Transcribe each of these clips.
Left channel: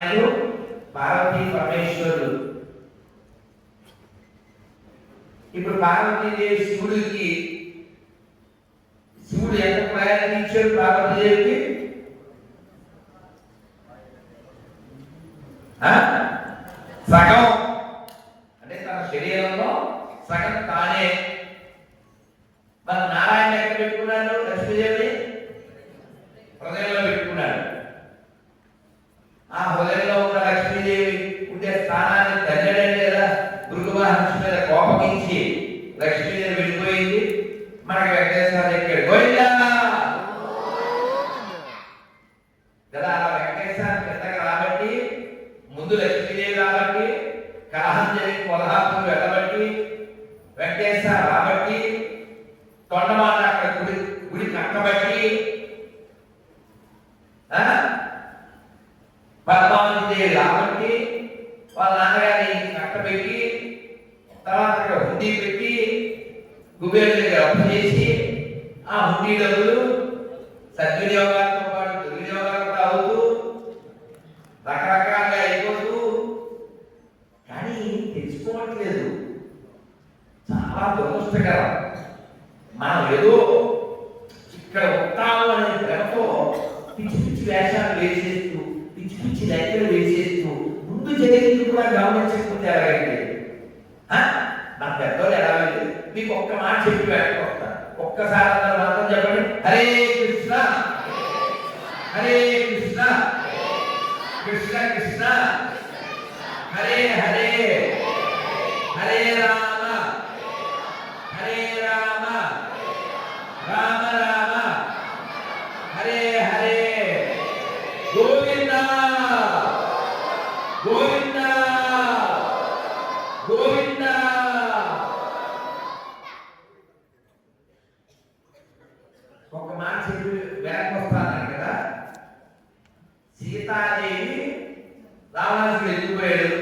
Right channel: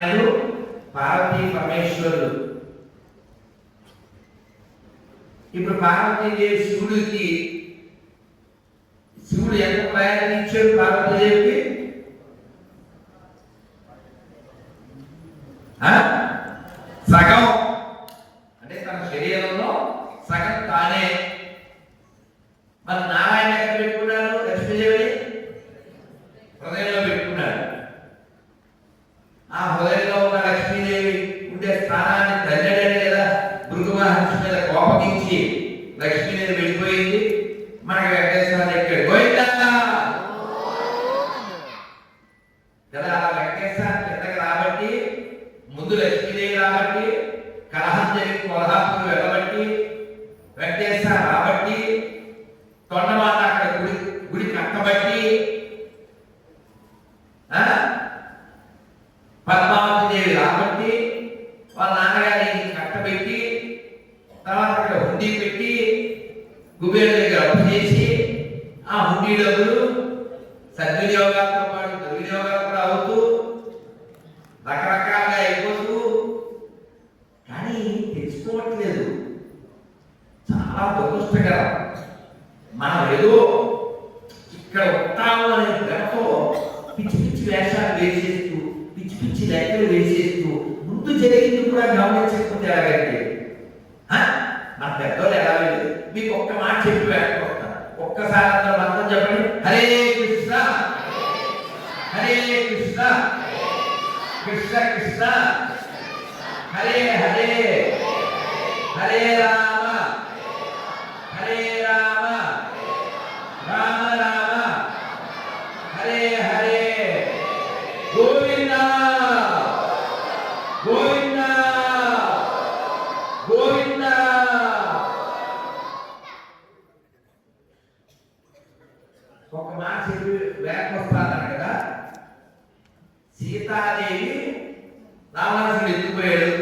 పార్వతీ పరమేశ్వరుడు. ఇప్పుడు పార్వతీదేవి శివుడు ఎంత ప్రయాణం ఇచ్చాడు పార్వతీదేవికి? సగం, అంటే తన శరీరంలో సగం తానే. మన నారాయణ ఎక్కడ పెట్టుకున్నాడు? లక్ష్మీదేవి హృదయంలో పెట్టుకున్నాడు. ఆ హృదయంలో ఉన్న లక్ష్మీదేవి ఉండే స్థానాన్ని తల్లడని కదా భృగు మహర్షి మీద కోపగించి లక్ష్మీదేవి వెళ్ళిపోయింది. మనకి వెంకటేశ్వర దగ్గర గోవిందా కదా. అలా వెంకటేశ్వర కిందకి రాబట్టి, ముందు లక్ష్మీదేవి రాబట్టి, కలహం జరిగి కొల్హాపూర్ వెళ్ళబట్టి, వెంకటేశ్వర రాబట్టి, తొండమాట అక్కడ గుడి కట్టబట్టి, పద్మావతిదేవి రాబట్టి, వాళ్ళ నాన్నగారిని కట్టబెట్టి, తర్వాత అక్కడ హుండీ పెట్టి కుబేరుడి దగ్గర అప్పు చేసి, ఆ హుండీ డబ్బులు సద్వినియోగాలతో పాటు దుర్వినియోగాలు కూడా అవుతూ రకరకాలుగా అయిపోతూ, కానీ తెలుసుకోవట్లేదు. చాలా దురదృష్టకరం. మనం ఏదో ఇక్కడ ఉంటాము అనే భ్రమతో పిచ్చి పిచ్చి వేషాలు వేసేస్తూ, పిచ్చి పిచ్చి లెక్కలు వేసేస్తూ, ముందు జరిగింది కూడా గమనించకపోతే ఎలాగండి? నా పెద్దోళ్ళు ఎలా వెళ్ళి మీకు ఒక్క మాట చెప్పి వెళ్ళిపోతా. ఒక్కసారి అందరూ అర్థం చెప్పండి. హరే కృష్ణ హరే కృష్ణ కృష్ణ కృష్ణ హరే హరే హరే రామ హరే రామ రామ రామ హరే హరే గోవింద గోవింద గోవింద. ఒక మాట చెప్పి వేకొస్తాను కదా. సీతాదేవి రావణాసురుడు ఎత్తుకుపోయాడు,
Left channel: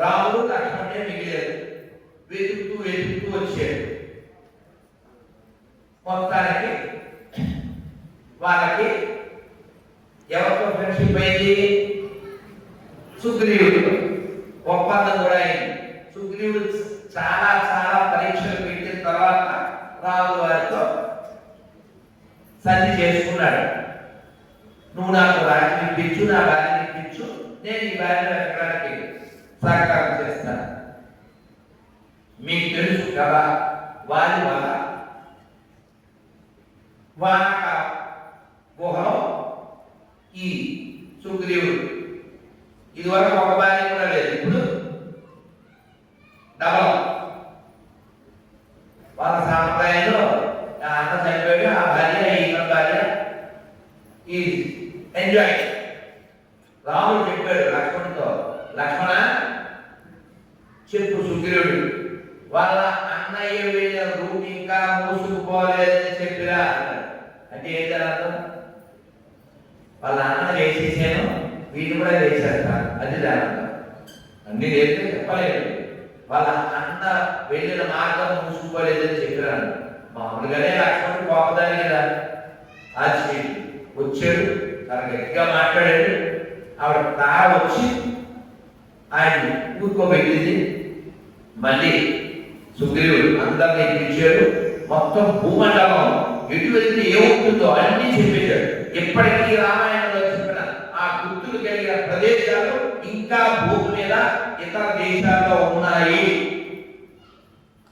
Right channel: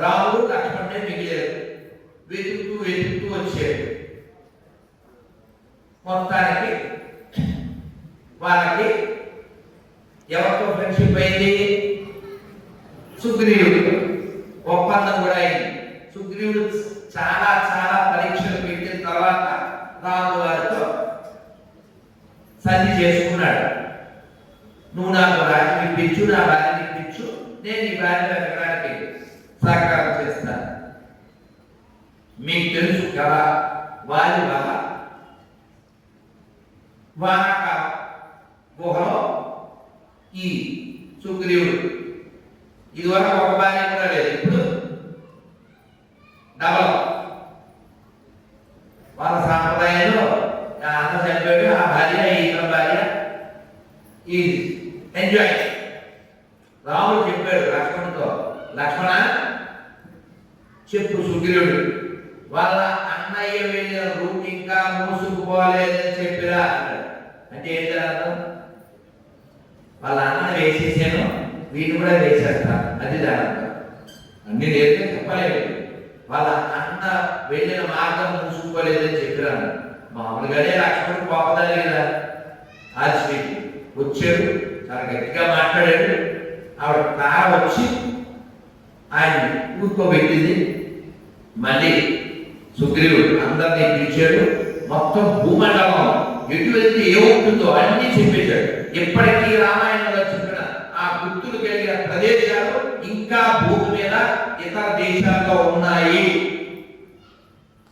రాముడు లక్ష్మణుడే మిగిలాడు. వెతుకుతూ వెతుకుతూ వచ్చాడు. మొత్తానికి వాళ్ళకి ఎవరితో ఫ్రెండ్షిప్ అయింది? సుగ్రీవుడు. ఒప్పందం కూడా అయింది. సుగ్రీవుడు చాలా చాలా పరీక్షలు పెట్టిన తర్వాత రాముడు వారితో సంధి చేసుకున్నాడు. నువ్వు నాకు రాజు ఇప్పించు, నా భార్యని ఇప్పించు, నేను ఈ భార్య ఎక్కడానికి సహకారం చేస్తాను. మీకు తెలుసు కదా వారి వల్ల వానక గుహలో ఈ సుగ్రీవుడు ఇదివరకు ఒక భార్య కూడా లేదు, ఇప్పుడు డబల్. వాళ్ళ సాంప్రదాయంలో అన్న చనిపోయాడు, ఆ భార్య ఈయన భార్య ఈ ఎంజాయ్. రాముడు చెప్పాడు లక్ష్మణుతో, లక్ష్మణ చెప్పు సుగ్రీవుడు వాళ్ళ అన్నయ్య వెళ్ళిన రూట్ ఇంకా మూసుకుపోలేదని చెప్పిరా. అంటే ఏంటి అర్థం? వాళ్ళ అన్న వేసేసాను, వీళ్ళు కూడా వేసేస్తారు, అది దాని అన్ని నేర్పే చెప్పలేదు. వాళ్ళ అన్న వెళ్ళిన మార్గం మూసుకోలేదని చెప్పిరాను. మామూలుగానే లక్ష్మణుడు పోపదాలి కదా. ఆచి వచ్చాడు, చాలా గట్టిగా మాట్లాడాడు. ఆవిడ తా వచ్చి ఆయన ఊరుకోబెట్టింది. మళ్ళీ సుగ్రీవుడు అందరినీ పిలిచాడు. మొత్తం భూమండలం ఎటు వెళ్తే ఏముంటుందో అన్నీ చెప్పేశాడు. ఎప్పటికీ రామాయణంలో చెప్పిన ఆ గుర్తులు కలిగిన ప్రదేశాలు ఇంకా భూమి మీద ఇతర దేశాల్లో ఉన్నాయి.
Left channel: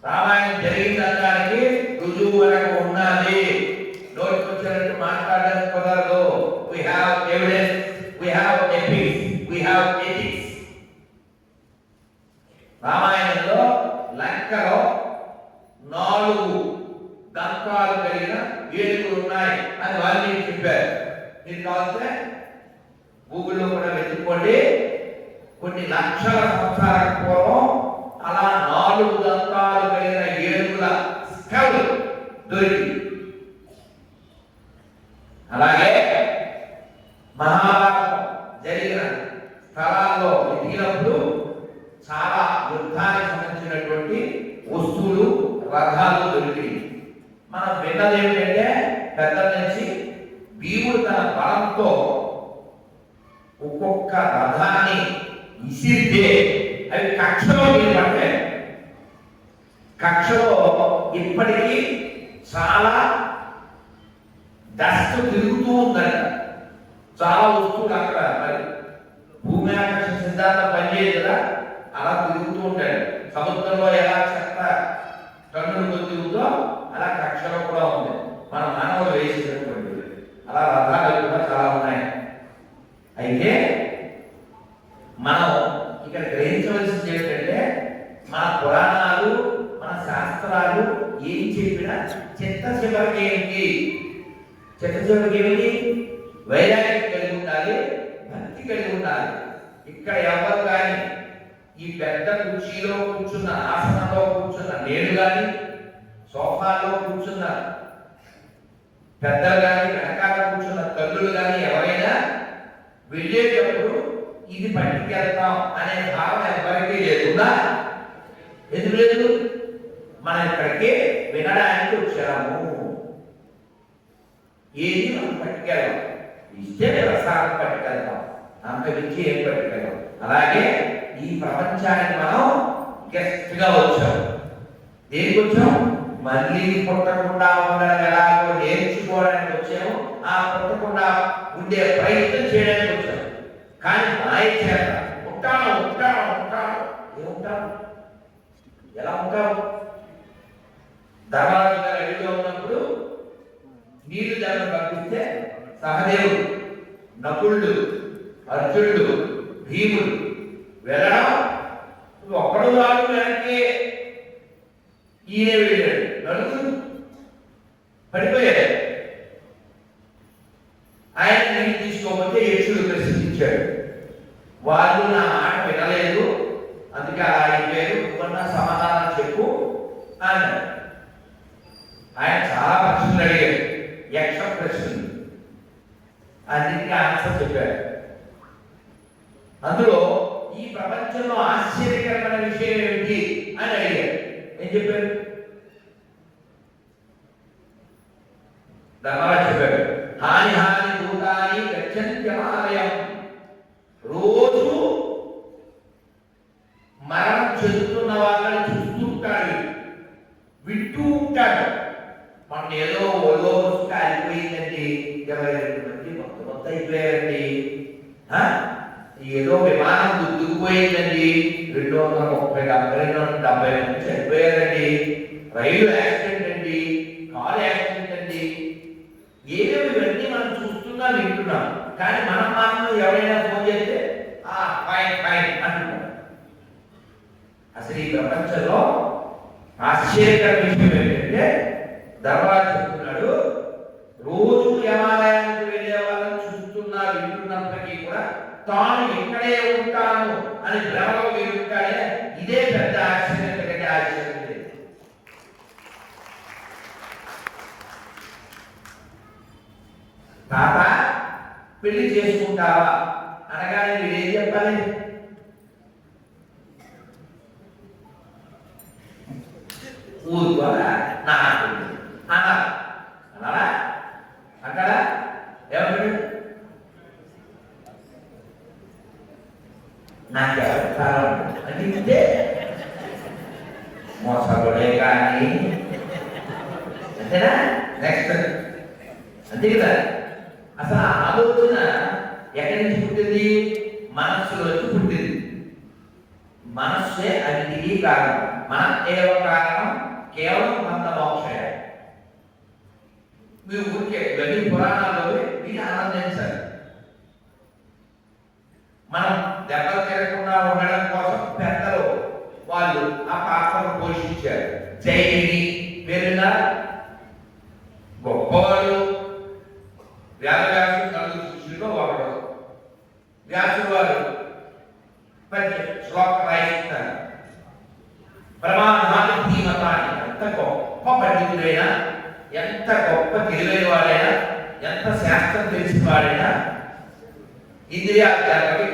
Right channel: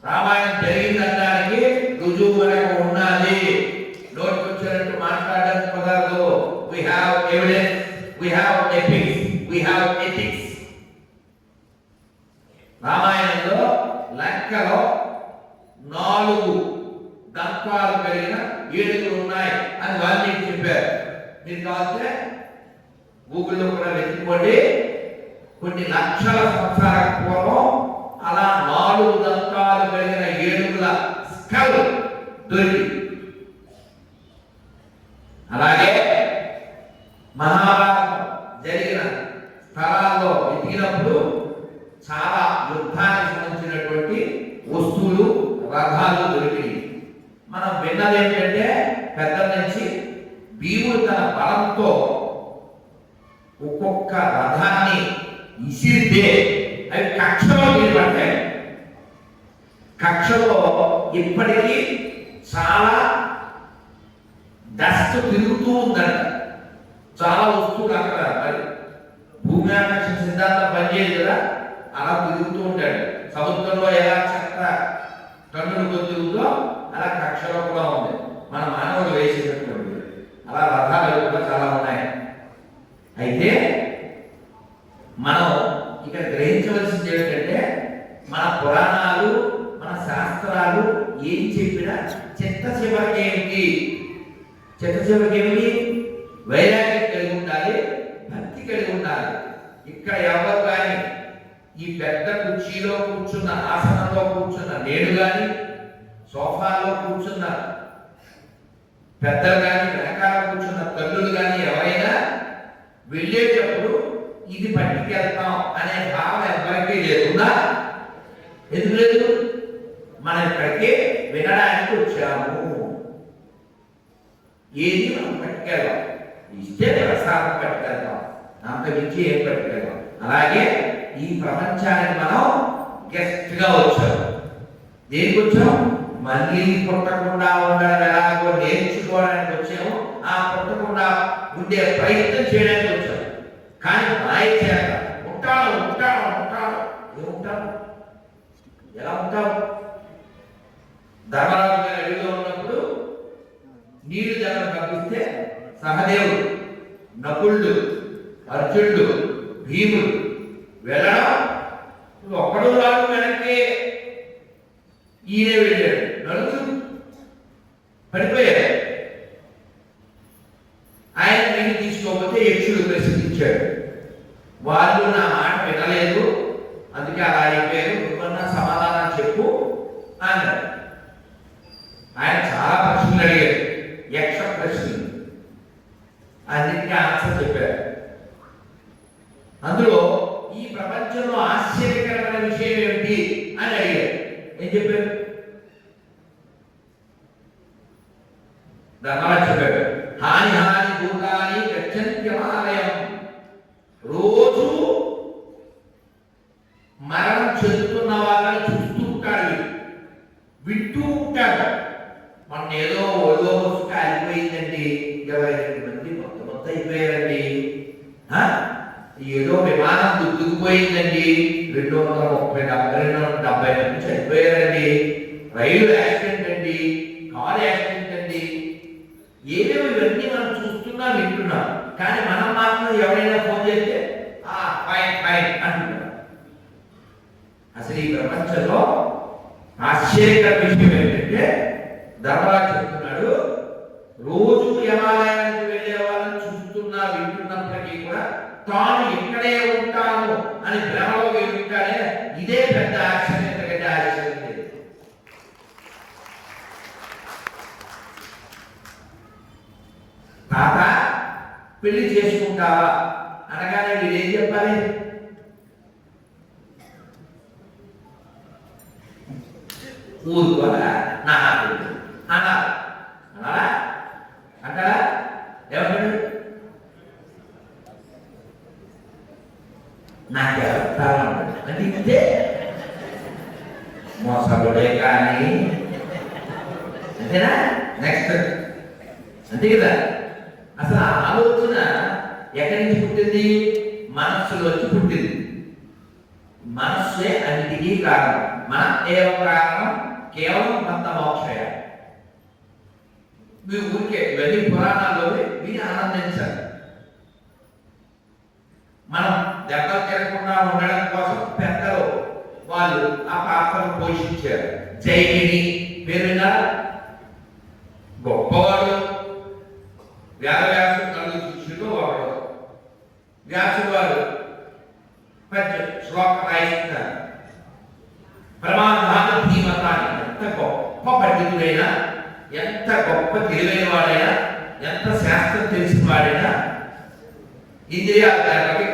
రామాయణం జరిగిందనడానికి రుజువు వరకు ఉన్నది. నోటికి వచ్చినట్టు మాట్లాడడానికి కుదరదు. We have evidence, we have ethics, we have ethics. రామాయణంలో లంకలో 4 దంతాలు కలిగిన ఏనుగులు ఉన్నాయి అని వాళ్ళు చెప్పారు. మీరు కావాలంటే గూగుల్లో కూడా వెతుక్కోండి. కొన్ని లక్షల సంవత్సరాల పూర్వం అలా 4 దంతాలు కలిగిన ఏనుగుల స్కల్ దొరికింది. అలాగే మహాభారతం జరిగిన స్థలాల్లో వెతికినప్పుడు చాలా యుద్ధానికి సంబంధించినటువంటి వస్తువులు, రథాలు దొరికినాయి. మనం విన్నది ఏమిటంటే పెద్ద నుంచి భీముడు తన బలంతో ఒక్కొక్క రథాన్ని ఇసిరితే అవి కక్షలో నిలబడతాయి. కక్షలో ఇప్పటికీ చాలా డస్ట్ తిరుగుతూ ఉందంట. చాలా వస్తువులు అక్కడ మరి భూమి ఆకర్షణ సిద్ధాంతం పనిచేయదు కదా, అలా తిరుగుతూ ఉంటాడు. సముద్రంలో ఎలా చెత్త కన్నులు కొద్దిగుతో అలా కక్షలో కూడా ఉంది. మన మానవులు వేసేటటువంటి అలా రథాలు కూడా చాలా ఉన్నాయి. అయితే మనం ఇక్కడ గ్రహించవలసింది ఏంటంటే మన పురాణాలు మన శాస్త్రాలు ఏం చెప్పినా చిత్త చివరికేమిటి, చిత్త చివరికేమిటి వైరాగ్యం కలిగి ఉండాలి, భక్తి కలిగి ఉండాలి. ఇక్కడ ఎవరు కానీ ఈ పెద్ద కుర్చీలో కూర్చున్న ఆసనంలో కూర్చున్న నేను కానీ సోఫాలో కూర్చున్న పెద్దలు కానీ వెనకాల కూర్చున్న తల్లులు కానీ ఎవరైనా వెళ్ళేటప్పుడు ఇది పట్టుకెళ్తాం అనే భావం ఎవరికీ లేకుండా, ఎందుకు లేదు? మనం ఇక్కడికి వినడానికి వచ్చాము. ఏది మనం పట్టుకెళ్ళాం, ఇస్తే ప్రసాదం పట్టుకెళ్తాం, అంత మించి ఏం పట్టుకెళ్ళాం. అలాగే ఈ ప్రపంచానికి మనం గెస్ట్ గా వచ్చాం. దేనికి వచ్చాం? మళ్ళీ పుట్టకుండా ఉండడం ఎలాగో నేర్చుకోవడానికి వచ్చాము. ఆ పుట్టకుండా ఉండే ప్రయత్నం చేయడానికి వచ్చాము. కానీ మాయ చేత ఉంటాను ఉంటాను ఉంటాను ఏముంటాను, ఎలా ఉంటావు? ధర్మరాజు గారు అడవిలో ఉన్నప్పుడు నీళ్లు జనం పంపిస్తే సహదేవుడు, నకులుడు, అర్జునుడు, భీముడు వెళ్ళడం, ఒక్కడు రాడు వెనక్కి ఈయన వెళ్ళాడు, నలుగురు పడిపోయాడు. ఆయన నీళ్ళు తీసుకోకపోతే యక్షుడు ప్రశ్నించాడు. వాళ్ళు నా మాట వినలేదు, అందుకే అలా అయిపోయారు, నువ్వన్నా సమాధానం చెప్పు అన్నాడు. ఆయన చాలా ప్రశ్నలు అడిగాడు, యక్ష ప్రశ్నలు, అన్నింటికీ ఆన్సర్ చెప్పారు. అందులో ఈ ప్రపంచంలో ఆశ్చర్యకరమైన విషయం ఏమిటి అని అడిగారు. ఏం చెప్పారు? ధర్మరాజు చెప్పాడు, హాని హాని భూతాని గచ్చంత్యమాలయం. రోజు మరణం చెందుతున్న వాళ్ళని చూస్తుంటాడు, వింటూ ఉంటాడు. మన ఏదో ఓదో వస్తే అయిపోయిందండి, 22 మంది మొత్తం అయిపోయారండి, ఏదో విమానం గుర్తుకుపోయిందండి, 270 మంది చనిపోయారండి, రైలు యాక్సిడెంట్ అండి, కారు యాక్సిడెంట్ అండి, ఏమేమి ఇవన్నీ మనం చూస్తున్నా వింటున్నాం. కానీ మనం మాత్రం ఎవరైనా ఫోన్ చేస్తే ఫైన్ ఫైన్ అంటున్నాం. అసలు ఈ ప్రపంచంలో ఆశ్చర్యకర విషయం ఏంటంటే ధర్మరాజు చెప్తున్నాడు, రోజు దేవాలయానికి వెళ్ళే వాళ్ళని చూస్తున్నా వింటున్నప్పటికీ కూడా తాను ఇక్కడే ఉంటాను అని భ్రమలో ఉంటాడే, ఇదే పెద్ద ఆశ్చర్యం. ఎందుకంటే ఆశ్చర్యం లేదు. తాత పెళ్లి చేసుకుంటావా అనగానే మీరు ఏం చెప్పాలి? ఊరుకోరా నా అన్నా అన్నారా అంటారా? ఏమంటాడు? నాకెవరు అంటే మోసగుడే కానీ అంతేనా? నెక్స్ట్ అంతే కదా. అసలు ఆ ఆలోచన ఎక్కడి నుంచి పుట్టింది? మనస్సులోంచి పుట్టింది. మనస్సే అన్నిటికీ కారణం. మన ఏవ కారణం కేవలం కొంత మోక్షయ. మీరు ఊరికే ఇవన్నీ పురాణాల్లో మీరు ఆనందించాలి. మనం దెబ్బలు తిరగకుండా ఉండడం కోసం పెద్దలు వాళ్ళు ఆ పాత్రను పోషించారు. జైమిని పేరున్న గొప్పవాడు, వేదవ్యాసుడు నలుగురు శిష్యుల్లో ఒకడు. వ్యాసుడు వారు శ్లోక రాయిస్తారు. ప్రమాణాలు ధీమతాన్ని, ఎంత గొప్ప పండితుడైనా, ఎంత గొప్ప తెలివైన వాడైనా, ఎంత శాస్త్రం తెలిసిన వాడైనా ఇంద్రియాల దానికి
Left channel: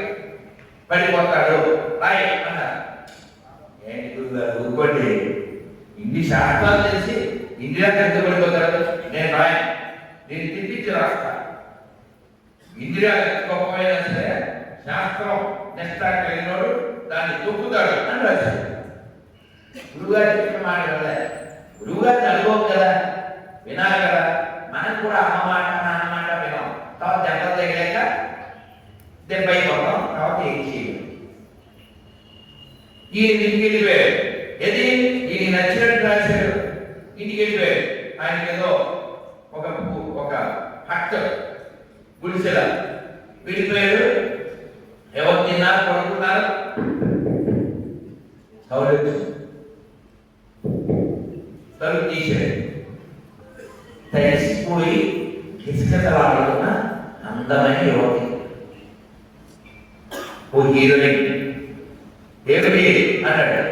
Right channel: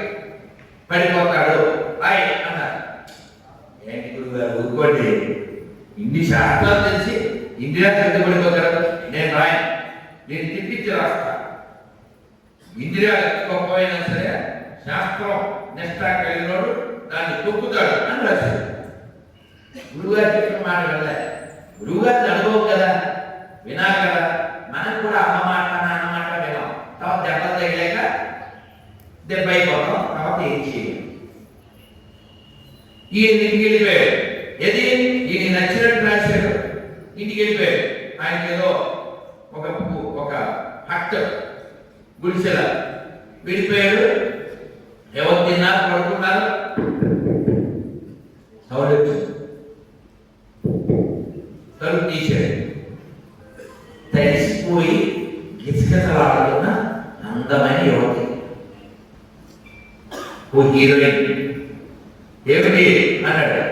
పడిపోతాడు. రాయి అన్నారు. ఏంటి గురువు గారు ఊరుకోండి, ఇన్ని శాస్త్రాలు తెలిసి ఇంద్రియాలు ఎంత పడిపోతారు? నేను రాయను, నేను తిప్పించి రాస్తా. ఇంద్రియాలు ఎంత గొప్పైనా సరే శాస్త్రం నిష్ట కలిగినోడు దాన్ని తొక్కుతాడు అని రాశాడు. గురువుగారు చెప్పిన మాట కదా, గురువుగారిని అనుభవం కదా, వినాలి కదా. మనం కూడా అమ్మ మాట నాన్న మాట వినాం, తర్వాత దెబ్బలు తగిలేక దెబ్బ అయిపోతాం, తర్వాత ఏం చేయాలి. ఈయన ఇంటికి వెళ్ళిపోయాడు. ఏది ఈయన నచ్చినట్టు రాశాడు, ఇంటికి వెళ్ళిపోయాడు. ఆయనకి ఏదో ఒక హట్ గుడిసెల వెళ్ళిపోయాడు. ఎవరు తిన్నారు, పడుకున్నారు, తలుపు తీశాడు. తడిసిపోయి గిసగిసలాడుతున్న అందమైన యువతి, ఓ హీరోయిన్. ఏమిటి అన్నాడు.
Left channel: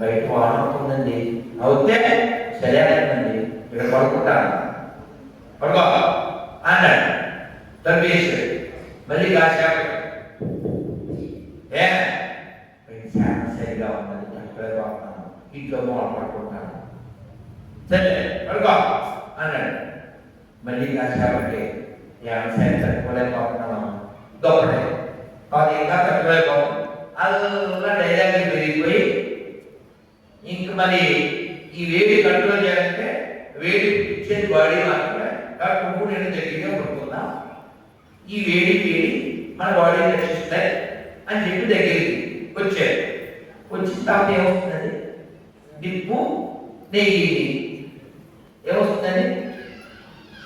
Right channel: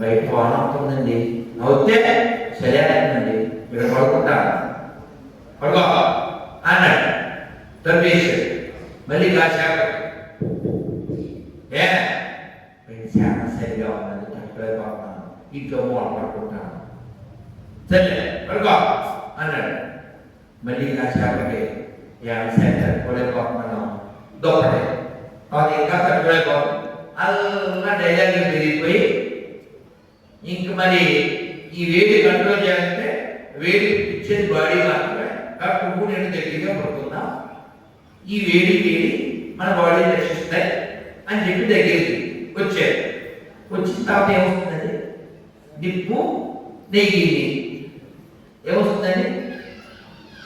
బయట వాహనం అవుతుందండి. అవుతే సరే అండి, ఇక్కడ పడుకుంటాను, పడుకో అన్నాడు. తలుపు వేసాడు. మళ్ళీ కాసేపు శాప సరిగా ఉన్నది, తట్టుకోలేకపోతున్నాను, ఇంట్లో పడుకుంటాను, సరే పడుకో అన్నాడు. మళ్ళీ కాసేపటికి సరి తట్టుకోలేకపోతున్నాను, గొప్పడే అది ఇంకా తట్టుకోలేకపోతున్నాను. అలా డైలాగ్ పెరిగిపోయి ఇంక మరి ఈ వేడి కంట్రోల్ చేయాలంటే వేడి ఇచ్చేది బాడీ మాత్రమే, కాబట్టి నువ్వు నేను దగ్గరగా పడుకుందాం, ఈ వేడి మన బాడీ రక్షిస్తాయి అని చెప్పి దగ్గరికి వచ్చారు. వచ్చిన తర్వాత ఏమవుతుందండి, నిప్పు నెయ్యి ఏమవుతుందండి,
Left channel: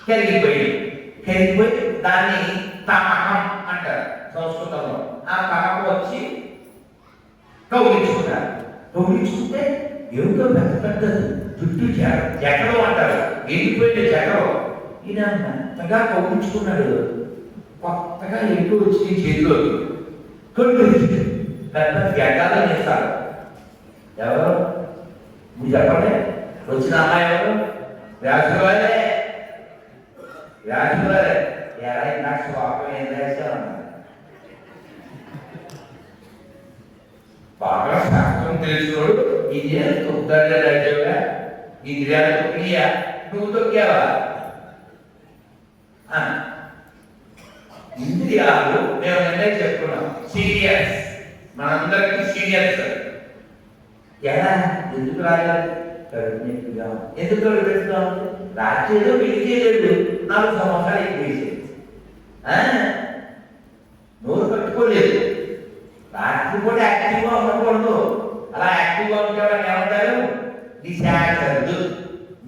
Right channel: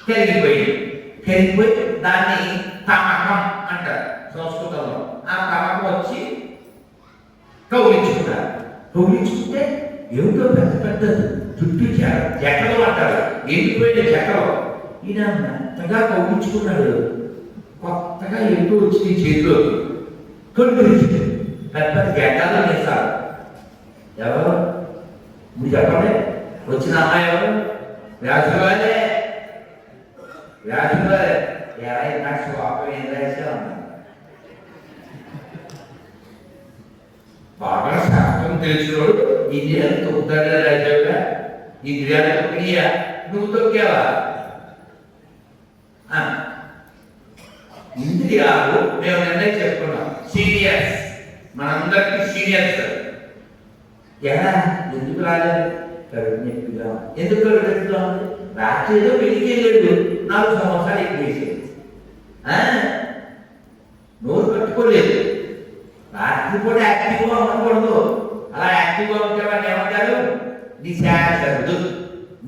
కరిగిపోయి దాన్ని తమకం అంటారు సంస్కృతంలో. ఆ తమకం వచ్చి కౌలించుకుంటారు. కౌలించుకుంటే ఏమిటో పెద్ద పెద్ద జుట్టు జకలో అంటారు, ఎండిపోయిన జకలో. ఈయన మెత్తగా కౌలించుకున్నాడు. కొత్తగా ఎండు వచ్చి చేతిలో కనిపించింది. పెద్ద గడ్డాలు వేస్తారు. ఎవరు మీరు చెప్పండి, వచ్చిన అమ్మాయి ఎవరు? వ్యాసులే. నాకు స్వాపం ఏం రాశారు అమ్మాయి, బాగా శాస్త్రం తెలిసినోడు. ఇండియాలు తొక్కుతాడుగా రాజ్యంగా, ఇంద్రియాలు తొక్కియా, నువ్వు తొక్కావా? ఇంద్రియాలు మేము నిర్ణయం చెప్పుకున్నాం, సీనియర్స్, మనందరికీ సీనియర్స్. ఎలా ఎందుకు రాలేదు? కవిజ్ఞప్తిగా ఎందుకు కవిగా రాజ్యంలో పెళ్లి చేయలేదు, 4 సంవత్సరాలు ఎక్కువ వేసేది, నోరు కట్టుకోలేదు. రాత్రి కూడా యాక్టివ్గా ఉండకూడదు. అలా యాక్టివ్గా ఉంటే వాళ్ళు ఏమంటారు? నిశాచరుడు.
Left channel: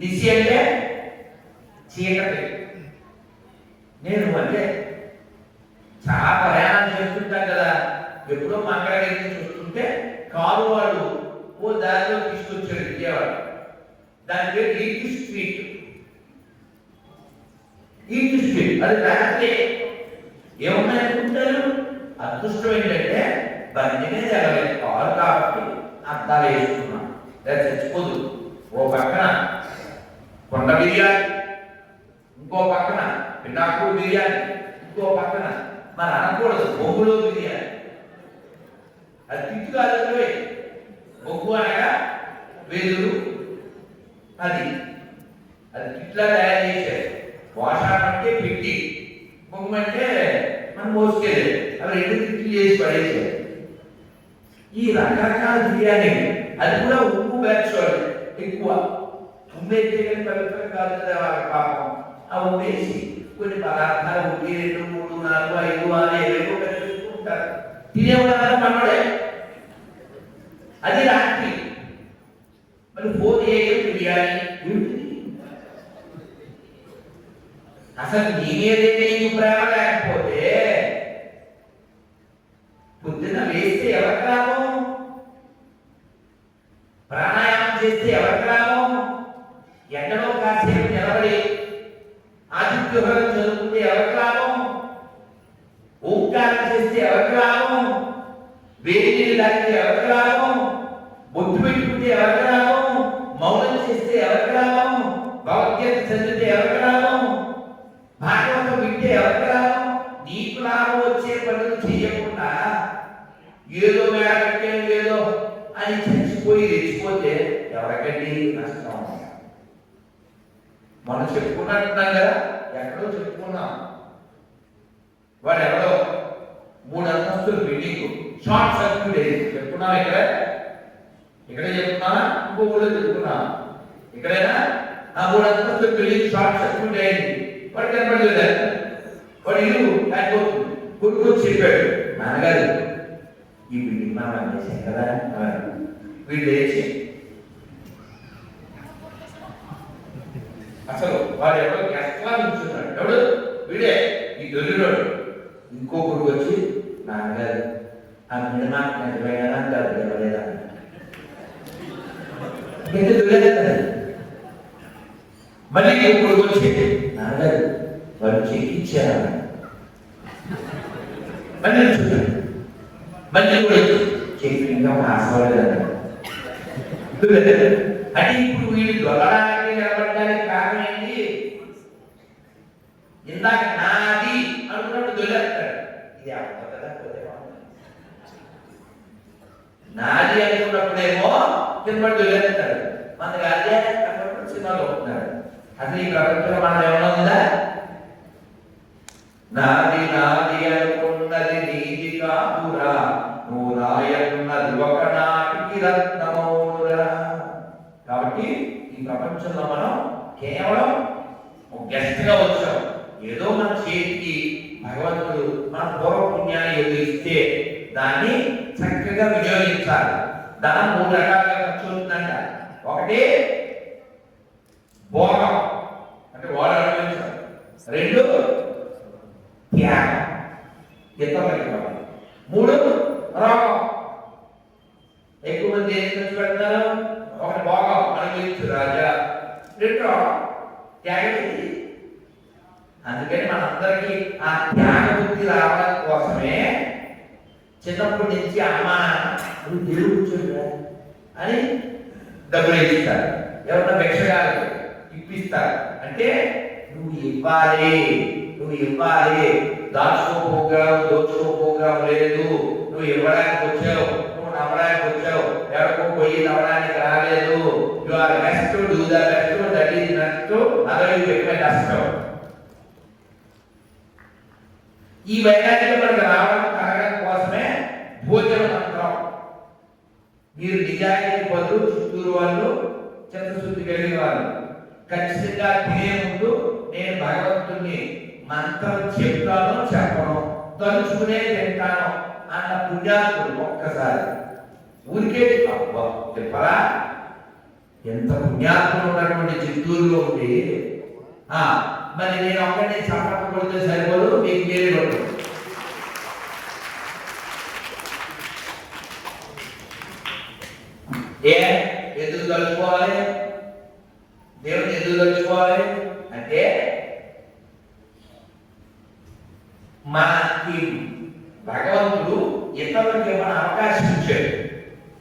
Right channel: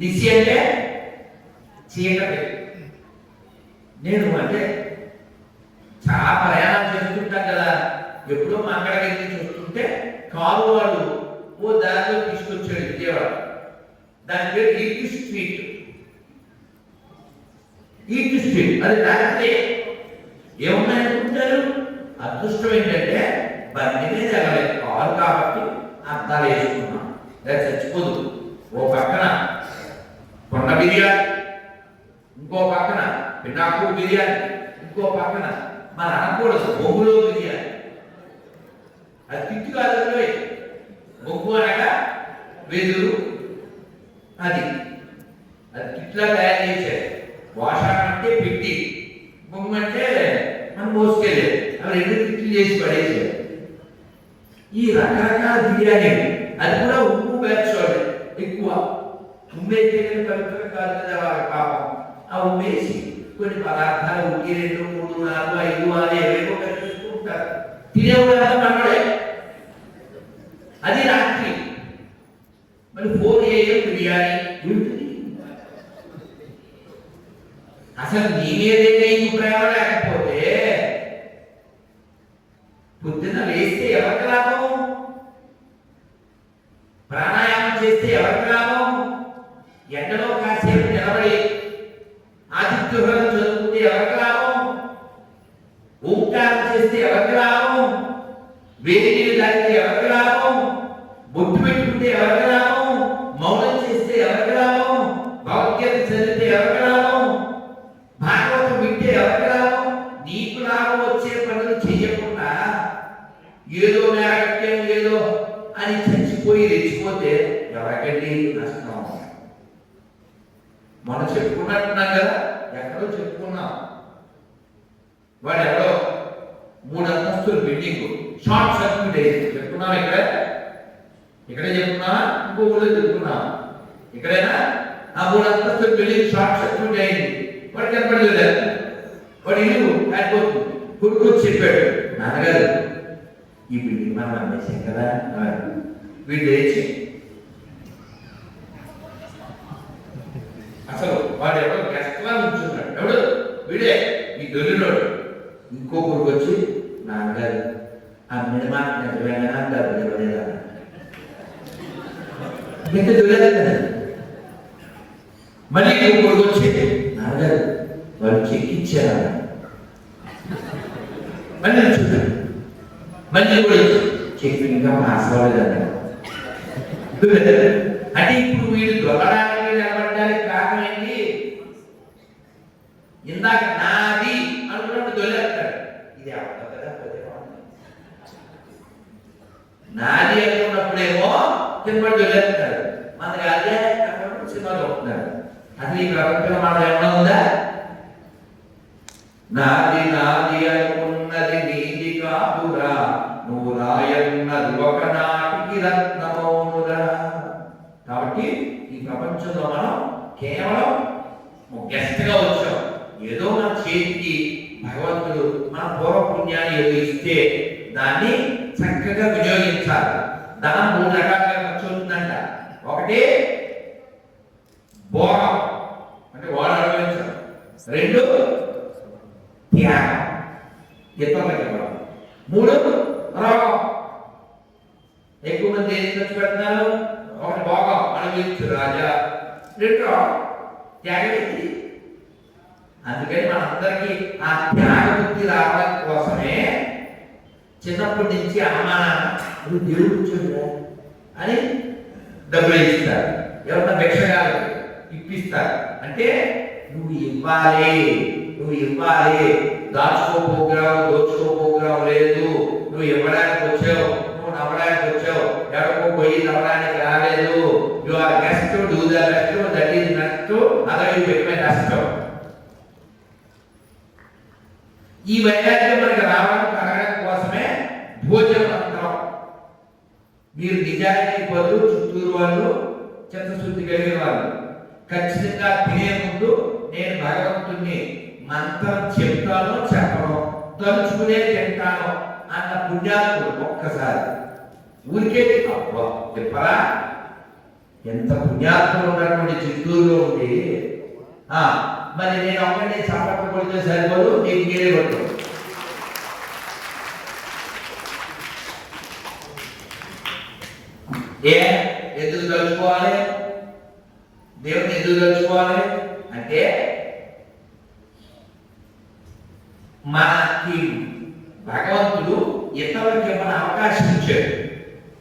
నిశి అంటే చీకటి. నేను అంటే చాలా ప్రయాణం చేసుకుంటాం కదా, ఎప్పుడో మా అక్కడికి చూస్తుంటే కారు వాడు ఓ దారిలో తీసుకొచ్చాడు విజయవాడ. దాని పేరు ఈట్ స్ట్రీట్. అది రాత్రి ఏమున్నాయనుకుంటారు? అదృష్టం ఏంటంటే బండి మీద వెళ్ళలేదు, కారు కాబట్టి అద్దాలు వేసుకున్నాం, లేదా చచ్చిపోదు. ఓ పక్కన కొండ బిర్యానీ, ఇంకో పక్కన పిఠాపు బిర్యానీ, ఇంకో పక్కన మరి అనకూడదు బొగ్గులో బిర్యానీ. అది తిట్టు కాదు, బొగ్గు అనగా వెదురు, అది తిట్లా తయారు చేశారు. వాషాన్ అంటే పెట్టి, బొగ్గు అంటే మనం మోసుకెళ్ళేది. అవి 2 తిట్లు చేసి పడేసారు. ఈ రకరకాల బిర్యానీలు, అది కూడా ఉప్పు వేసుకోవాలి ఎక్కువ. ఉమ్మేస్తే కానీ పవిత్రం కాదు కదా పాపం. ఆ ఉమ్మేసి కొన్ని పదార్థాలు 1, 2, 3, 4, 5, 6, 7 కలిపిస్తూ ఉంటారు. తినేవాడు మనడే. అది రాత్రి మరి 4 AM బిర్యానీ. అసలు నీ మీదే నీకు ప్రేమ లేకపోతే పొద్దున లేస్తే ఎవరికి లాభం? ప్రాణాయామం చేస్తే ఎవరికి లాభం? ఎండలో కాసేపు నిలబడి ఆదిత్యహరం చదువుకుంటే ఎవరికి లాభం? ఓంకారం చేస్తే ఎవరికి లాభం? వేడి నీళ్ళు తాగితే ఎవరికి లాభం? బొట్టు పెట్టుకుంటే ఎవరికి లాభం? మౌనం చేస్తే ఎవరికి లాభం? భగవద్గీత చదివితే ఎవరికి లాభం? భాగవతం వింటే ఎవరికి లాభం? నీకు లాభం వచ్చే పనులు చేయకుండా ఏదో మేరకట్టేం ఏదో అని చచ్చిపోయి రెచ్చిపోతే ఎవరికండి నష్టం? మనం చెప్పుకున్నట్టున్నాం కదా, ఎక్కడో చెప్పుకున్నాం. వాడు ఎవడో 3 అంతస్తుల బిల్డింగ్ షార్ట్ సర్క్యూట్ అయింది. చెప్పుకున్నాం ఇక్కడే చెప్పుకున్నా, ఇంకో ఊళ్ళో చెప్పుకున్నా. ఇక్కడైనా ఆ 3 అంతస్తుల బిల్డింగ్ షార్ట్ సర్క్యూట్ అయింది. వాడు కనపడలేదు. వాడు ఇల్లు అయిపోతుంది. కొడుకు చెప్పాడు, నాన్నగారు ఈ బిల్డింగ్ మనం అమ్మేసాం కదా. వీళ్ళు లేచి అసలు వాడు ఎవడో గెస్ట్లా ఉంచున్నాడు. ఎవడు? వీడే, ఈ దొరిలోడు. ఇంకో కొడుకు వచ్చి, నాన్నగారు ఆ మినిమా నిజమేనా డబ్బులు ఇవ్వలేదా? ఇంత దొరలేదు. మళ్ళీ ఇంకో కొడుకు వచ్చి, నాన్నగారు వాళ్ళు చెక్ ఇచ్చారా? మళ్ళీ చూద్దాం. మళ్ళీ కూడా చెక్ ఇంకా పాస్ అవ్వలేదన్నాడు. అంటే ఇప్పుడు వీడు దొరడానికి నిలబడడానికి కారణం ఏంటి? ఇందాక నాది అనుకున్నప్పుడు దొలేస్తాడు. ఇది అవ్వదు కదా, నాది అనుకున్నప్పుడేమో కింద దొలేస్తాడు. మనకి అదే అన్నప్పుడు సినిమా దొరుకుతున్నాడు. అసలు ఈ ప్రపంచంలో మనం ఏమన్నా ఉందా? నాది నాది అనుకున్నది నీది కాదురా, నువ్వు రాయన్నది ఒకనాటికి రత్నమౌనురా. కాబట్టి ఈ ప్రపంచంలో మనం కేవలం గెస్ట్ గా వచ్చాం. ఏదో మన చేతికి భగవంతుడు మన పూర్వపుణ్యాన్ని ఏదో ఇస్తే దాన్ని చక్కగా వినియోగించాలి. ధనం 3 రకాలుగా ఖర్చు అవుతుందంట. ఒకటి భోగం, అంటే వాడు అనుభవించడం. 2 త్యాగం, ఇతరులకి ఇవ్వడం. 3 రోగం. ఎక్కువ మంది ఏం ఖర్చు పెడతారు? ఒకటి భోగం, అనుభవించు రాజా. 2 రోగం, త్యాగం. అందుకని మనందరికీ ఆ త్యాగ బుద్ధి రావడం కోసమే చిన్నప్పటి నుంచి అమ్మ నాన్న నువ్వు దేవుడు కూర్చోండి అని డబ్బులు ఇస్తారు. ఎవరన్నా భిక్షగాలు ఇప్పిస్తారు. అంటే నువ్వు ఇవ్వాలి, నువ్వు ఇవ్వాలి. దోచుకోపోగ్రాం లేదు. నువ్వు ఇవ్వడానికి వచ్చావు, నువ్వు నవ్వడానికి వచ్చావు. ఎవరికో పోయి నవ్వడానికి రాలేదు. You are best, do the best, that is next, other you become కష్టం. ఈ వైరాగ్యం మనకు రావడం కలగడం కోసమే భోజనం అంటాం. మీరు నిజాయితీ పనులు చిత్తూరు వాళ్ళు, చిత్తశుద్ధి కలిగిన వాళ్ళు ఖచ్చితంగా తినే ముందు నేను భగవంతుణ్ణి మంత్రం చెప్తాను, చెప్పను, తలుచుకునే తింటాను అన్న పుణ్యాత్ముడు ఒక్కసారి ఊరికే చెప్పరా? ఎంత పుణ్యాత్ములు ఉన్నటువంటి చిత్తూరులో ఉండి మరి నేను ఒకటి చప్పట్లు కొడితే సరిపోదు, మీకు మీరే కొట్టు. ఎందుకు తలుచుకోవాలి? దేవుని ఎందుకు తలుచుకోవాలి అంటే మనకి భగవంతుడు ఇతరులకి ఏమైనా అవకాశం ఇచ్చాడు.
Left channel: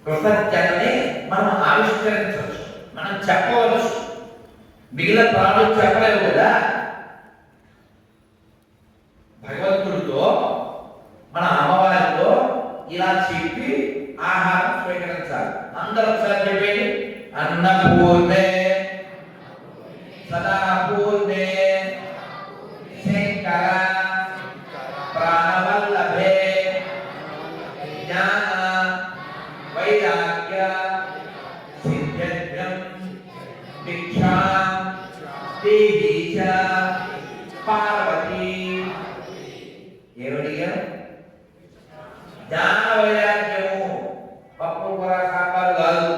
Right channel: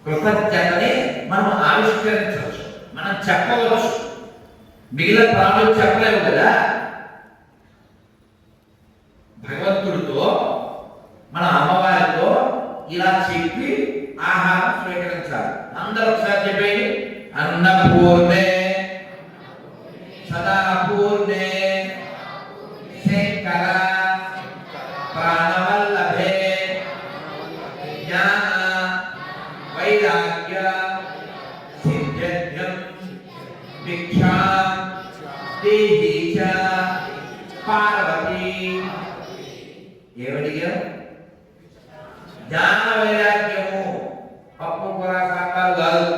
కృతజ్ఞతని మనం ఆవిష్కరించవచ్చు, మనం చెప్పవచ్చు. మిగిలిన ప్రాణులు చెప్పలేవు కదా. భగవంతుడితో మన అమ్మవారితో ఇలా చెప్పి ఆహారం స్వీకరించాలి. అందరూ ఒకసారి చెప్పేది, అన్నపూర్ణే సదాపూర్ణే శంకర ప్రాణవల్లభే జ్ఞాన వైరాగ్య సిద్ధ్యం భిక్షా దేహి చ పార్వతి. ఏమడిగా? జ్ఞాన వైరాగ్యము, పప్పు కూర సాంబారు కాదు,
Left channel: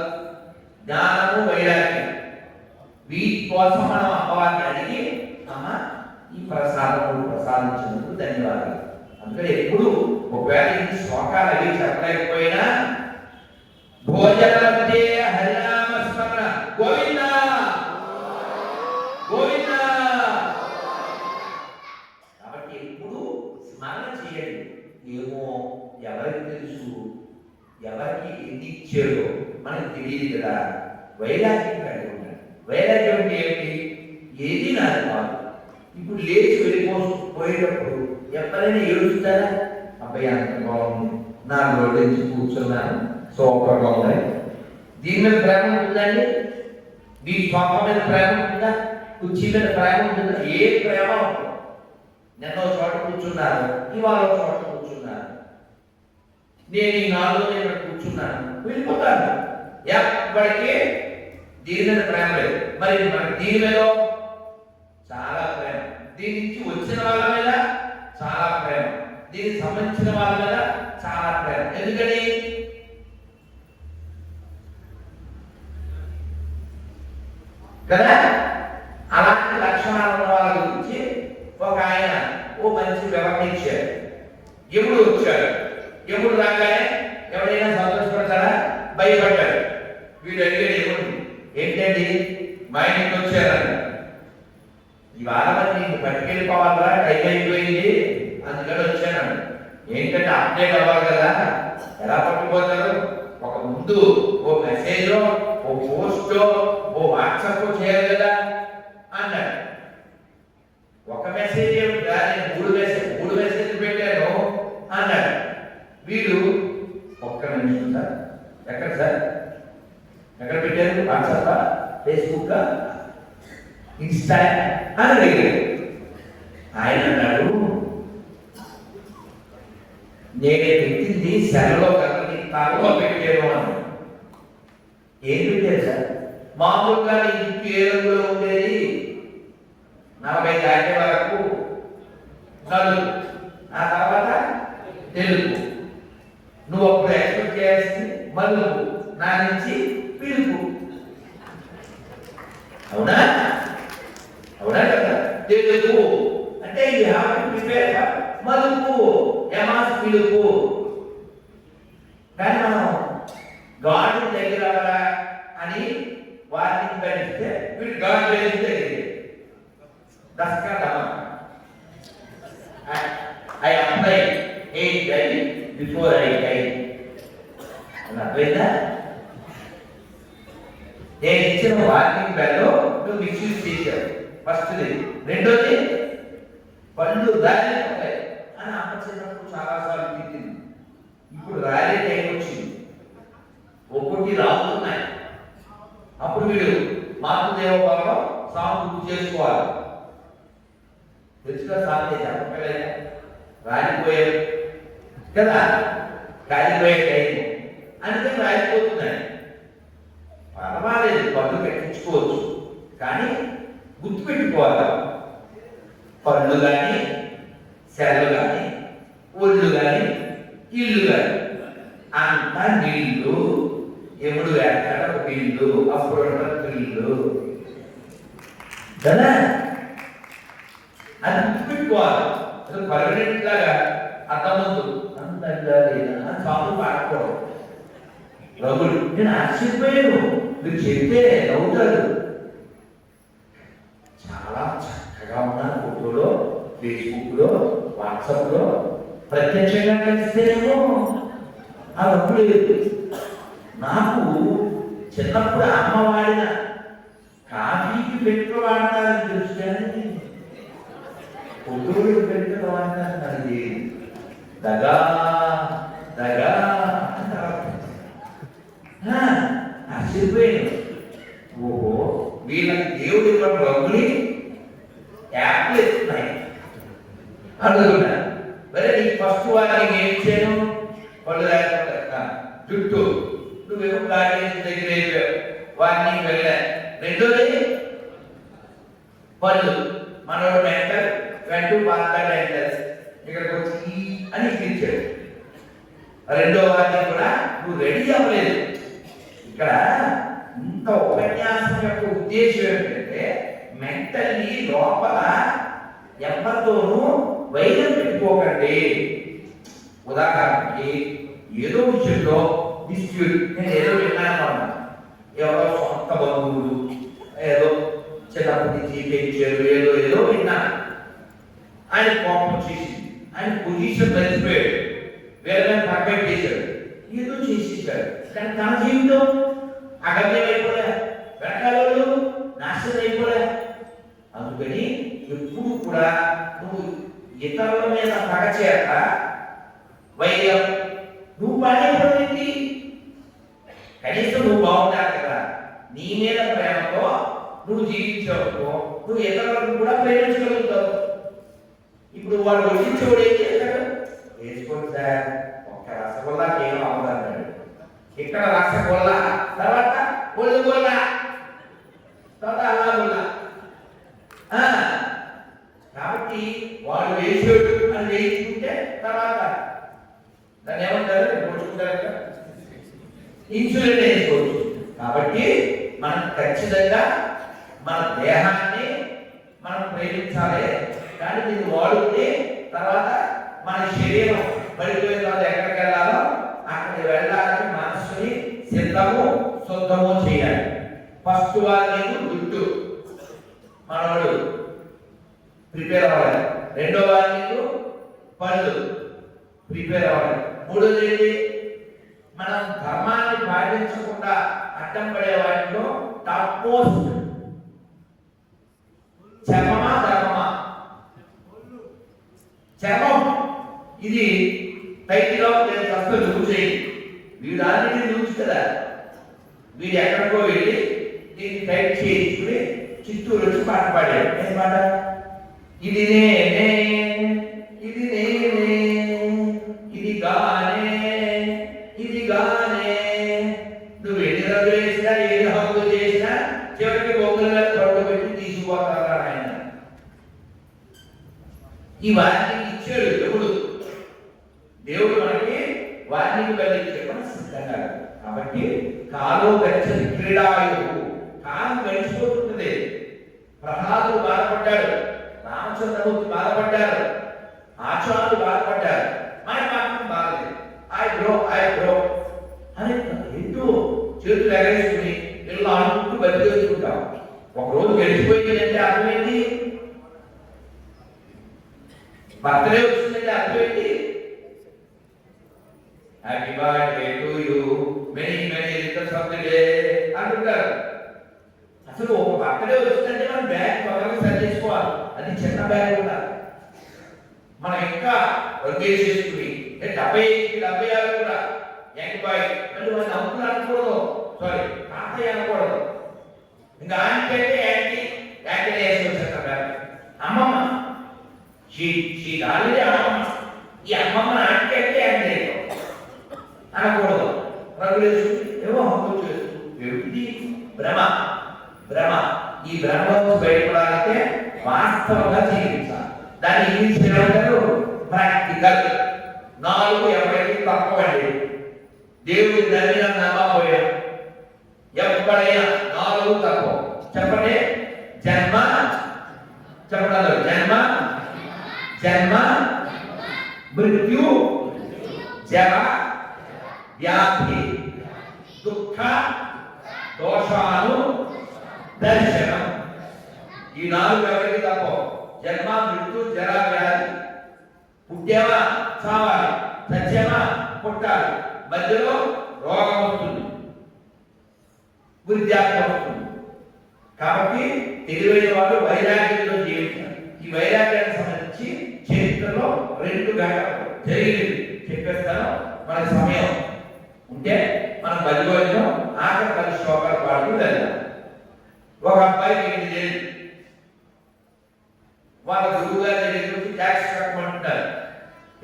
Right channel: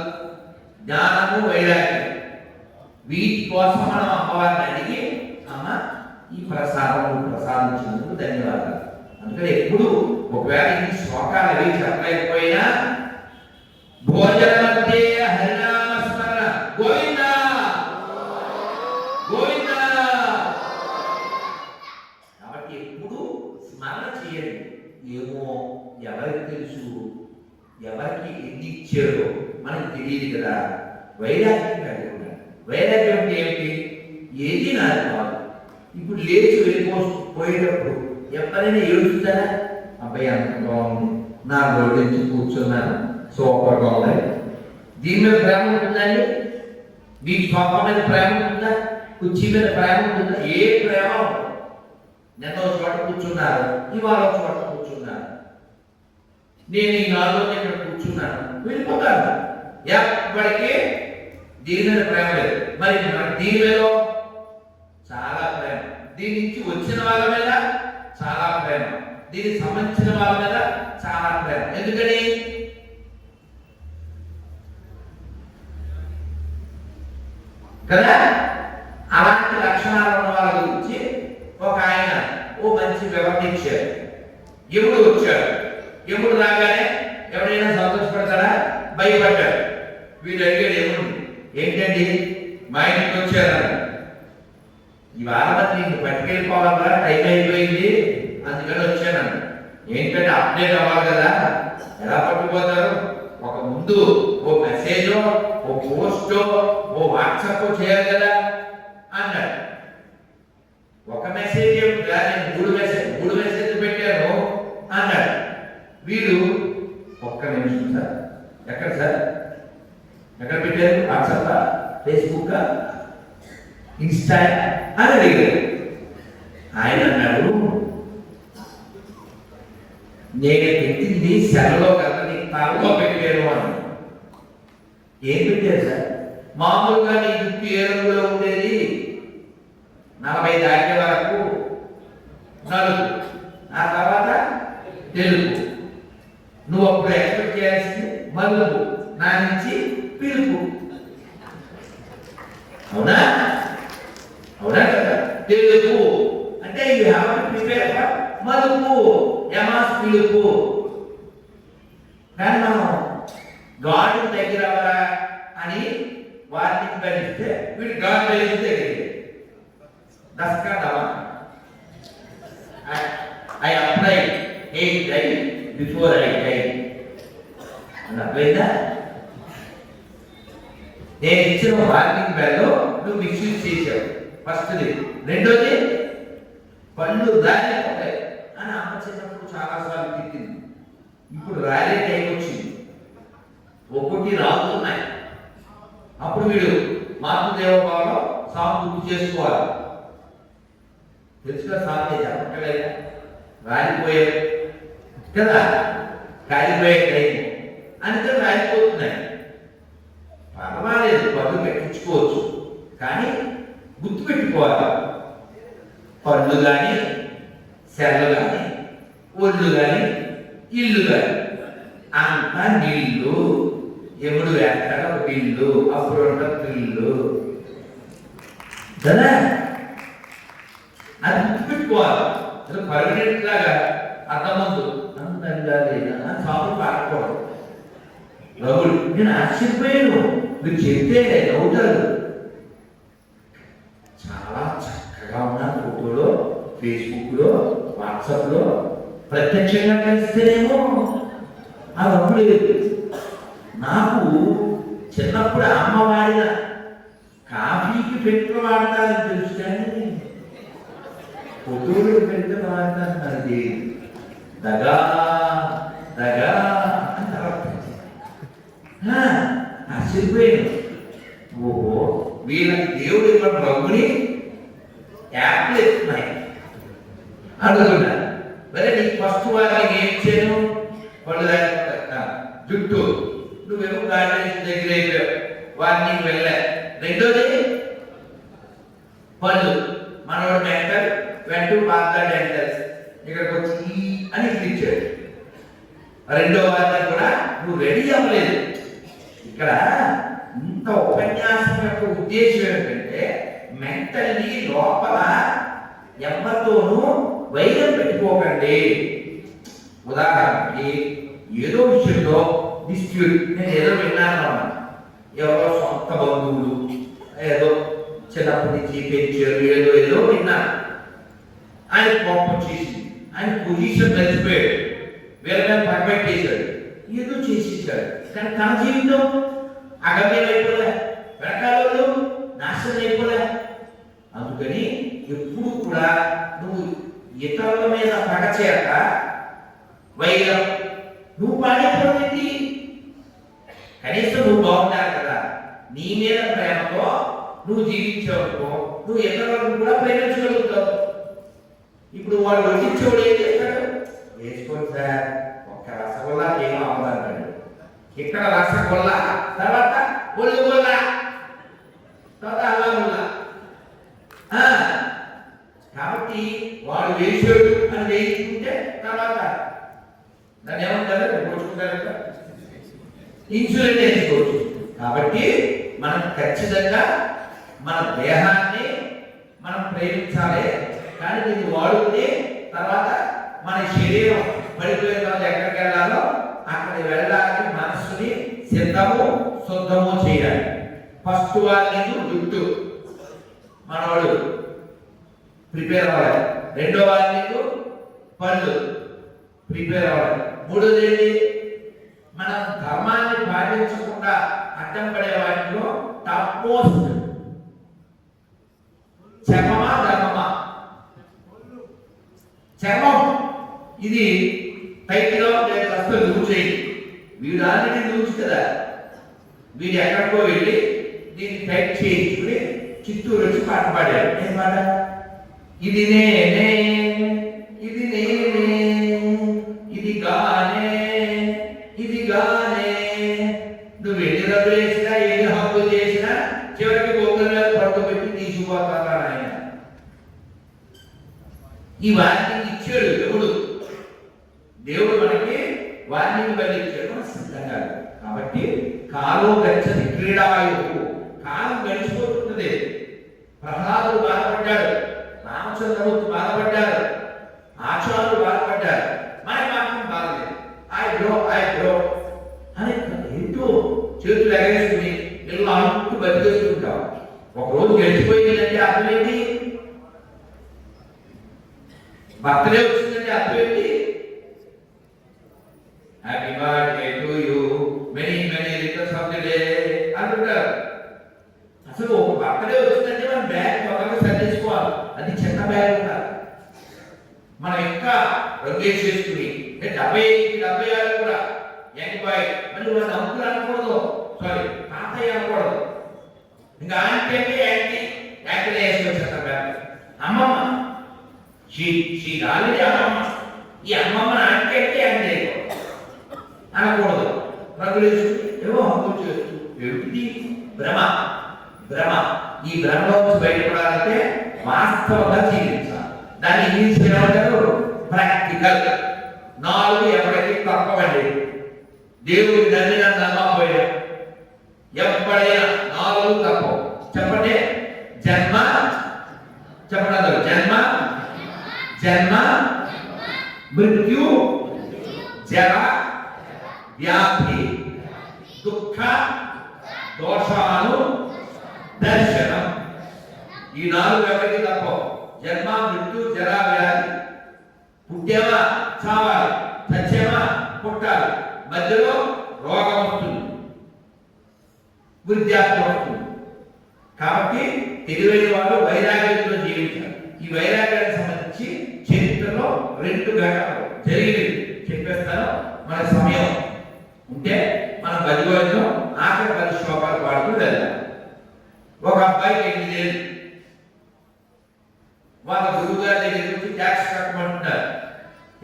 జ్ఞానము వైరాగ్యం. వీటి కోసం మనం అమ్మవారిని అడిగి, అమ్మ ఈ ప్రసాదించినందుకు ధన్యవాదాలు. అందుకని ఎప్పుడు ఒకవేళ ఈ శ్లోకాలు అవి చెప్పలేకపోయినా భోజన మధ్య హరినామ స్మరణ గోవింద గోవింద. కాబట్టి ఎప్పుడు స్మరణ చేయండి. ఏమో ఎవరికి తెలుసు, ఎవరికి ఎన్ని ఇచ్చారో మనకు తెలియదు కదా. వైరాగ్యం కలిగి ఉండాలి. వైరాగ్యం అంటే ఏమిటి? ఏది నాది కాదు. ఇప్పుడు లేచి పోయేటప్పుడు ఎప్పుడైనా ఏడుస్తారా? అబ్బాయి అంత బాగుంది, నా రోడ్డు నుంచి కూర్చున్నాను, సోఫాగా ఉన్నాయి. దీని మీద ప్రేమ ఉంటుందండి? మీ సోఫా మీద ప్రేమ ఉంటుందా? కుర్చీ మీద ప్రేమ ఉంటుందా? ఏ ప్రేమ ఉంటుంది? నిన్న ఒక చోట కూర్చున్నారు, ఇవాళ ఒక చోట కూర్చున్నారు. నేను ఈ 4 రోజులు ఇక్కడ కూర్చున్నాను, వెళ్ళిపోతాను. ఎప్పటికీ దీని మీద ప్రేమ లేదు. మరి మనకి దీని మీద చాలా ప్రేమ, దీని నుంచి వచ్చిన వాళ్ళ మీద చాలా ప్రేమ, దీనికి సంబంధించిన వాళ్ళ మీద చాలా ప్రేమ. ఎందుకని? కదా. అలాంటి లక్షణాలు ఉన్న వాళ్ళ గురించి ఒక ఆయన ఓ మంచి వివరణ ఇచ్చాడు. ఎప్పుడు వచ్చాడు, ఎప్పుడు రాగానే ఎవరైనా సంతోషపడతాడా? భయపడ్డాడు. వీడు అడిగాడు, ఏముంది ఏంటండి మా ఇంటికి వచ్చారని. ఇవాళ మరి నీకు పట్టుకెళ్ళిపోవాలా, టైం అయిపోయింది, అందుకని వచ్చాను. ఏంటంటే అప్డేట్ అవ్వాలి కదా. ఎలా పట్టుకుపోతారు? ఒక ముందు ఓ మెసేజ్, ఓ పోస్ట్, ఓ వాట్సాప్ చేయాలి కదా అన్నాడు. ఒక మెసేజ్ కానీ 3 మెసేజ్ పెట్టాను అన్నాడు. వీడు ఒక్క నిమిషం సార్, ఎక్కడ సార్, ఎక్కడ పెట్టారు? వాట్సాప్, ఫేస్బుక్, ఇన్స్టా అని అడిగాడు. ఆయన అన్నాడు, నేను పెట్టింది సెల్లో కదా, నీ తలలో పెట్టాను అన్నాడు. ఏం పెట్టారు సార్? మామూలుగా నీ జుట్టు ఏ రంగులో ఉండేది? 40 దాటే వరకు నలుపు, ఆ తర్వాత తెలుపు. నువ్వు అప్పుడు ఎక్స్పెక్ట్ చేయాల్సింది మలుపు, నా నుంచి పిలుపు. అవునా? అవునా కదా? తెలుపు అంటే you have to prepare for మలుపు, యమాస్ పిలుపు. కానీ మనం గాడ్ దగ్గర అని వార్నింగ్ పెడితే వీడు గాడ్ తెలిస్తే దస్కడమా. I applied 8 days before I died. అర్థమైందా? నేను ఇచ్చిన వార్నింగ్ బెల్లో నువ్వు మిస్యూజ్ చేశావు. ఫస్ట్ది. రెండోది పళ్ళు రాలిపోతాయి అని అమ్మ చిన్నప్పుడు చాలాసార్లు తిట్టింది. ఇప్పుడు రాలే టైం వచ్చింది, ఒక్కొక్కటి రాలుతున్నాయి. అప్పుడు వీడు మాతృదేవోభావంలో సాగు గుర్తు చేసుకోవాలి. తెలుసుగా సాగు చెప్పలేదా? రాలిపోయారు కదా, కాలిపోయే టైం, అందుకని రాలిపోతున్నాయి. పర్వాలేదు, పళ్ళు పెట్టించుకోవచ్చు, కానీ గుర్తుపెట్టుకోవాలి. పళ్ళు కానీ, సెల్లు కానీ, ఒళ్ళు కానీ, ఇల్లు కానీ అంతా నీళ్ళు. ఎప్పుడు వేస్తాడో పిల్లు, అప్పుడు ఉండదు పిల్లు కదా. అది గుర్తుపెట్టుకోవాలి. అది పర్మనెంట్ లాగా అర్థమందు అందంగా లేదా కాపు పాడకూడదు. రఘుడు నేను ఆశ్చర్యపోయాను, మీరు చెప్తే నవ్వుతారు. చాలా చక్కగా ఉన్న ఫోటోలో, ఫేస్బుక్లో, వాట్సాప్లో ప్రత్యక్షంగా కలిస్తేనేమో ఆ రఘుడు నాకు చిన్నప్పుడు అమ్మ వాడిన కాఫీకి పెట్టుకు వాడతారని తెలుసు, కానీ ఫోటోలు పెట్టుకు వాడతారు. అది దగా దగా ఆశ్చర్యపోయాను. ఓహో, వీళ్ళకి దేవుడు ఇవ్వడం రంగుని యాప్లు ఎత్తున్నాయి అడుగుతున్నా. మరి నీకు ఫస్ట్ వారికి ఏం చేయను? వాళ్ళు జుట్టు నువ్వేమో గార్డెన్ దగ్గర అయిపోయావు, వారిని వెళ్ళా. రెండోది పళ్ళు, మనవాడు మెంటర్ వెంటూ మాట్లాడంటారు, ఇక్కడికి వచ్చి అని ఇచ్చాడు. రెండో వారిని కూడా నువ్వు రెడీ అవ్వలేదు. ఇక్కడ ఇంత ఉపన్యాసం యొక్క ఉద్దేశం ఏంటంటే మెంటల్లీ లోపల ఎవరితోనూ వైరం పెట్టుకోకండి. ఉదాహరణకి ఏదో విషయంలో డిస్ప్యూట్, నేను ఏదో విన్నాను, ఎవరో సొంత బంధువులు ఏదో చిన్నప్పటి నుంచి పెంచారు, ఏదో ఏదో విన్నాను. ఆయన కోపం చేసింది, ఆయన పొజిషన్ మర్చిపోయాడు, వేరే పర్ఫెక్ట్ చేశాడు, ఏదో చేసేసాడు. కానీ తన జీవితం అగమ్యం అయిపోలే, వెనకాల నాశనం అయిపోలే. అందుకని ఎప్పుడు కూడా నువ్వు ఇతరుల మీద పగ చేత వైరం నువ్వు పాడైపోయింది. కనీసం నువ్వు బాగుంటావు కదా, నీ మీద ప్రేమతో నువ్వు జీవించవనుకో, నువ్వు ఇతరులను కూడా ప్రేమించగలుగుతావు. ఇప్పుడు వాడు వడ్డించేవాడు ఏం చేస్తాడు? వేసుకోండి సార్, ఒక్క రసగుల్లా ఏం అవ్వదంటాడు. ఇక్కడ రసగుల్లా, తర్వాత ఒళ్ళుగుల్లా, తర్వాత అల్లాగుల్లా. కాబట్టి వాడు వేసాడు అని వేయించుకుంటే తర్వాత దాన్ని ఏమంటారు? పోల్చుకుంటారు, ఇన్సులిన్ వేసుకోవచ్చు. కాబట్టి మనం ఖచ్చితంగా మన దేహాన్ని మనం ప్రేమించాలి. కానీ దీన్ని వాడుకుంటే తర్వాత మన శరీరం పడిపోయిన తర్వాత ఎక్కడికి వెళ్ళాలో అక్కడికి వెళ్ళడానికి మనస్సుని సిద్ధము శుద్ధము చేయాలి. ఫస్ట్ వాళ్ళని జుట్టు మనవాడు ప్రిపేర్ అవ్వాలి. రెండో వాళ్ళకు పళ్ళు ప్రిపేర్ అవ్వాలి. మూడోది ఏంటి? మనం ధర్మాన్ని పాటించకుండా అడ్డం పడే వాటిలో టాప్ మోస్ట్ చర్మమా ధర్మమా? చర్మం ఇది టైట్గా అసలు లూజ్ అయ్యి, వీడు ఆల్రెడీ లూజ్ కదా, వీడు ఎక్కడికో వెళ్ళి దీన్ని టైట్ చేయించుకుని చిత్తూరు వచ్చి పాట పాడాడు. ఏం పాట? ఇది నేనే, ఇది నేనే, ఇది గానే, ఇది గానే. నువ్వు ఎన్ని రద్దులు చేసినా ఎన్ని హక్కులు చేసినా చివరికి బొమ్మల మీద పడుకోబెట్టి తీసుకుపోతాడు ఆయన. ఈ వార్నింగ్ ఇచ్చాడు దేవుడు. దేవుడు మనకి వార్నింగ్ బయలుచ్చాడు సిద్ధంగా. కాబట్టి కాలం గచ్చని క్రీడాయువు, కాలం గడిచిపోతుంటుంది. ప్రహ్లాదుడు బాధపడ్డాడు, రామచంద్రమూర్తి బాధపడ్డారు, ఆచార్యులు బాధపడ్డారు. మనకి మాత్రం బాధలేదు. ఐ బ్రో అని ఏంటో చేతులు ఎగరేసుకుని ఇలా అనుకుంటూ బతికేస్తుంటాం. ఒకరోజు గడిచిపోయిందంటే అర్థమేంటి? బర్త్డే వచ్చిందంటే అర్థమేంటి? Happy birthday to you, many many returns of the day అంటుంటారు. అసలు ఒక బర్త్డే వచ్చిందంటే మనం బ్యాగ్ ఒకరికి సర్దేసుకోవాలి. అది చిన్న బ్యాగ్ ఉండాలి. మనం ఇంకా రంగేసేసుకుని 76 కూడా బాయ్ మళ్ళీ మన అంకులు అనకూడదు, సారీ తాతయ్య అనకూడదు. ఇంకా ఆంటీ అంటే యాంటీ వేసుకొచ్చేస్తారు. అమ్మమ్మ ఆల్రెడీ అమ్మమ్మ, ఈ అమ్మమ్మ ఆంటీ అంటే యాంటీ అనకూడదు. రంగులు ఏమో హక్కులు చేస్తూ ఏమిటి భ్రమ. ఈ భ్రమలో బయటపడాలంటే వాస్తవంగా జీవించాలి. దాన్ని ఇంగ్లీష్ ఏమంటారు? ప్రాక్టికల్. 4 ఎవరికి తప్పవండి. దేవుడి దాన్ని నమ్మకపోయా ఎప్పుడైనా 4 తప్పవు. చెప్పండి. జన్మ, చెప్పండి. జన్మ, మృత్యు, జర, వ్యాధి, దుఃఖ, దోషాలు, దర్శనం. ఈ 4 ఎవరికి తప్పవు. జన్మ, మృత్యు, జర, వ్యాధి. పుట్టావా చావాలి, సత్యమా పుట్టాలి, మధ్యలో రోగం వస్తుంది, వృద్ధాప్యం వస్తుంది. కాబట్టి తెలివైన వాళ్ళు వైరాగ్యంతో జీవించాలి. ఈ వైరాగ్యానికి సంబంధించి చరిత్రలో 2 ఘట్టాలు జరిగింది చెప్పేస్తాను. మన సమయం ఉంటే మనం బతికోవడం ఆఖరి 10 శ్లోకాలు పాడుతూ వెళ్దాం. ఒక అబ్బాయికి 8 ఏళ్ళు. వాళ్ళ గురువు గారి దగ్గర నుంచి ట్యాక్స్ కట్టమంటున్నారు.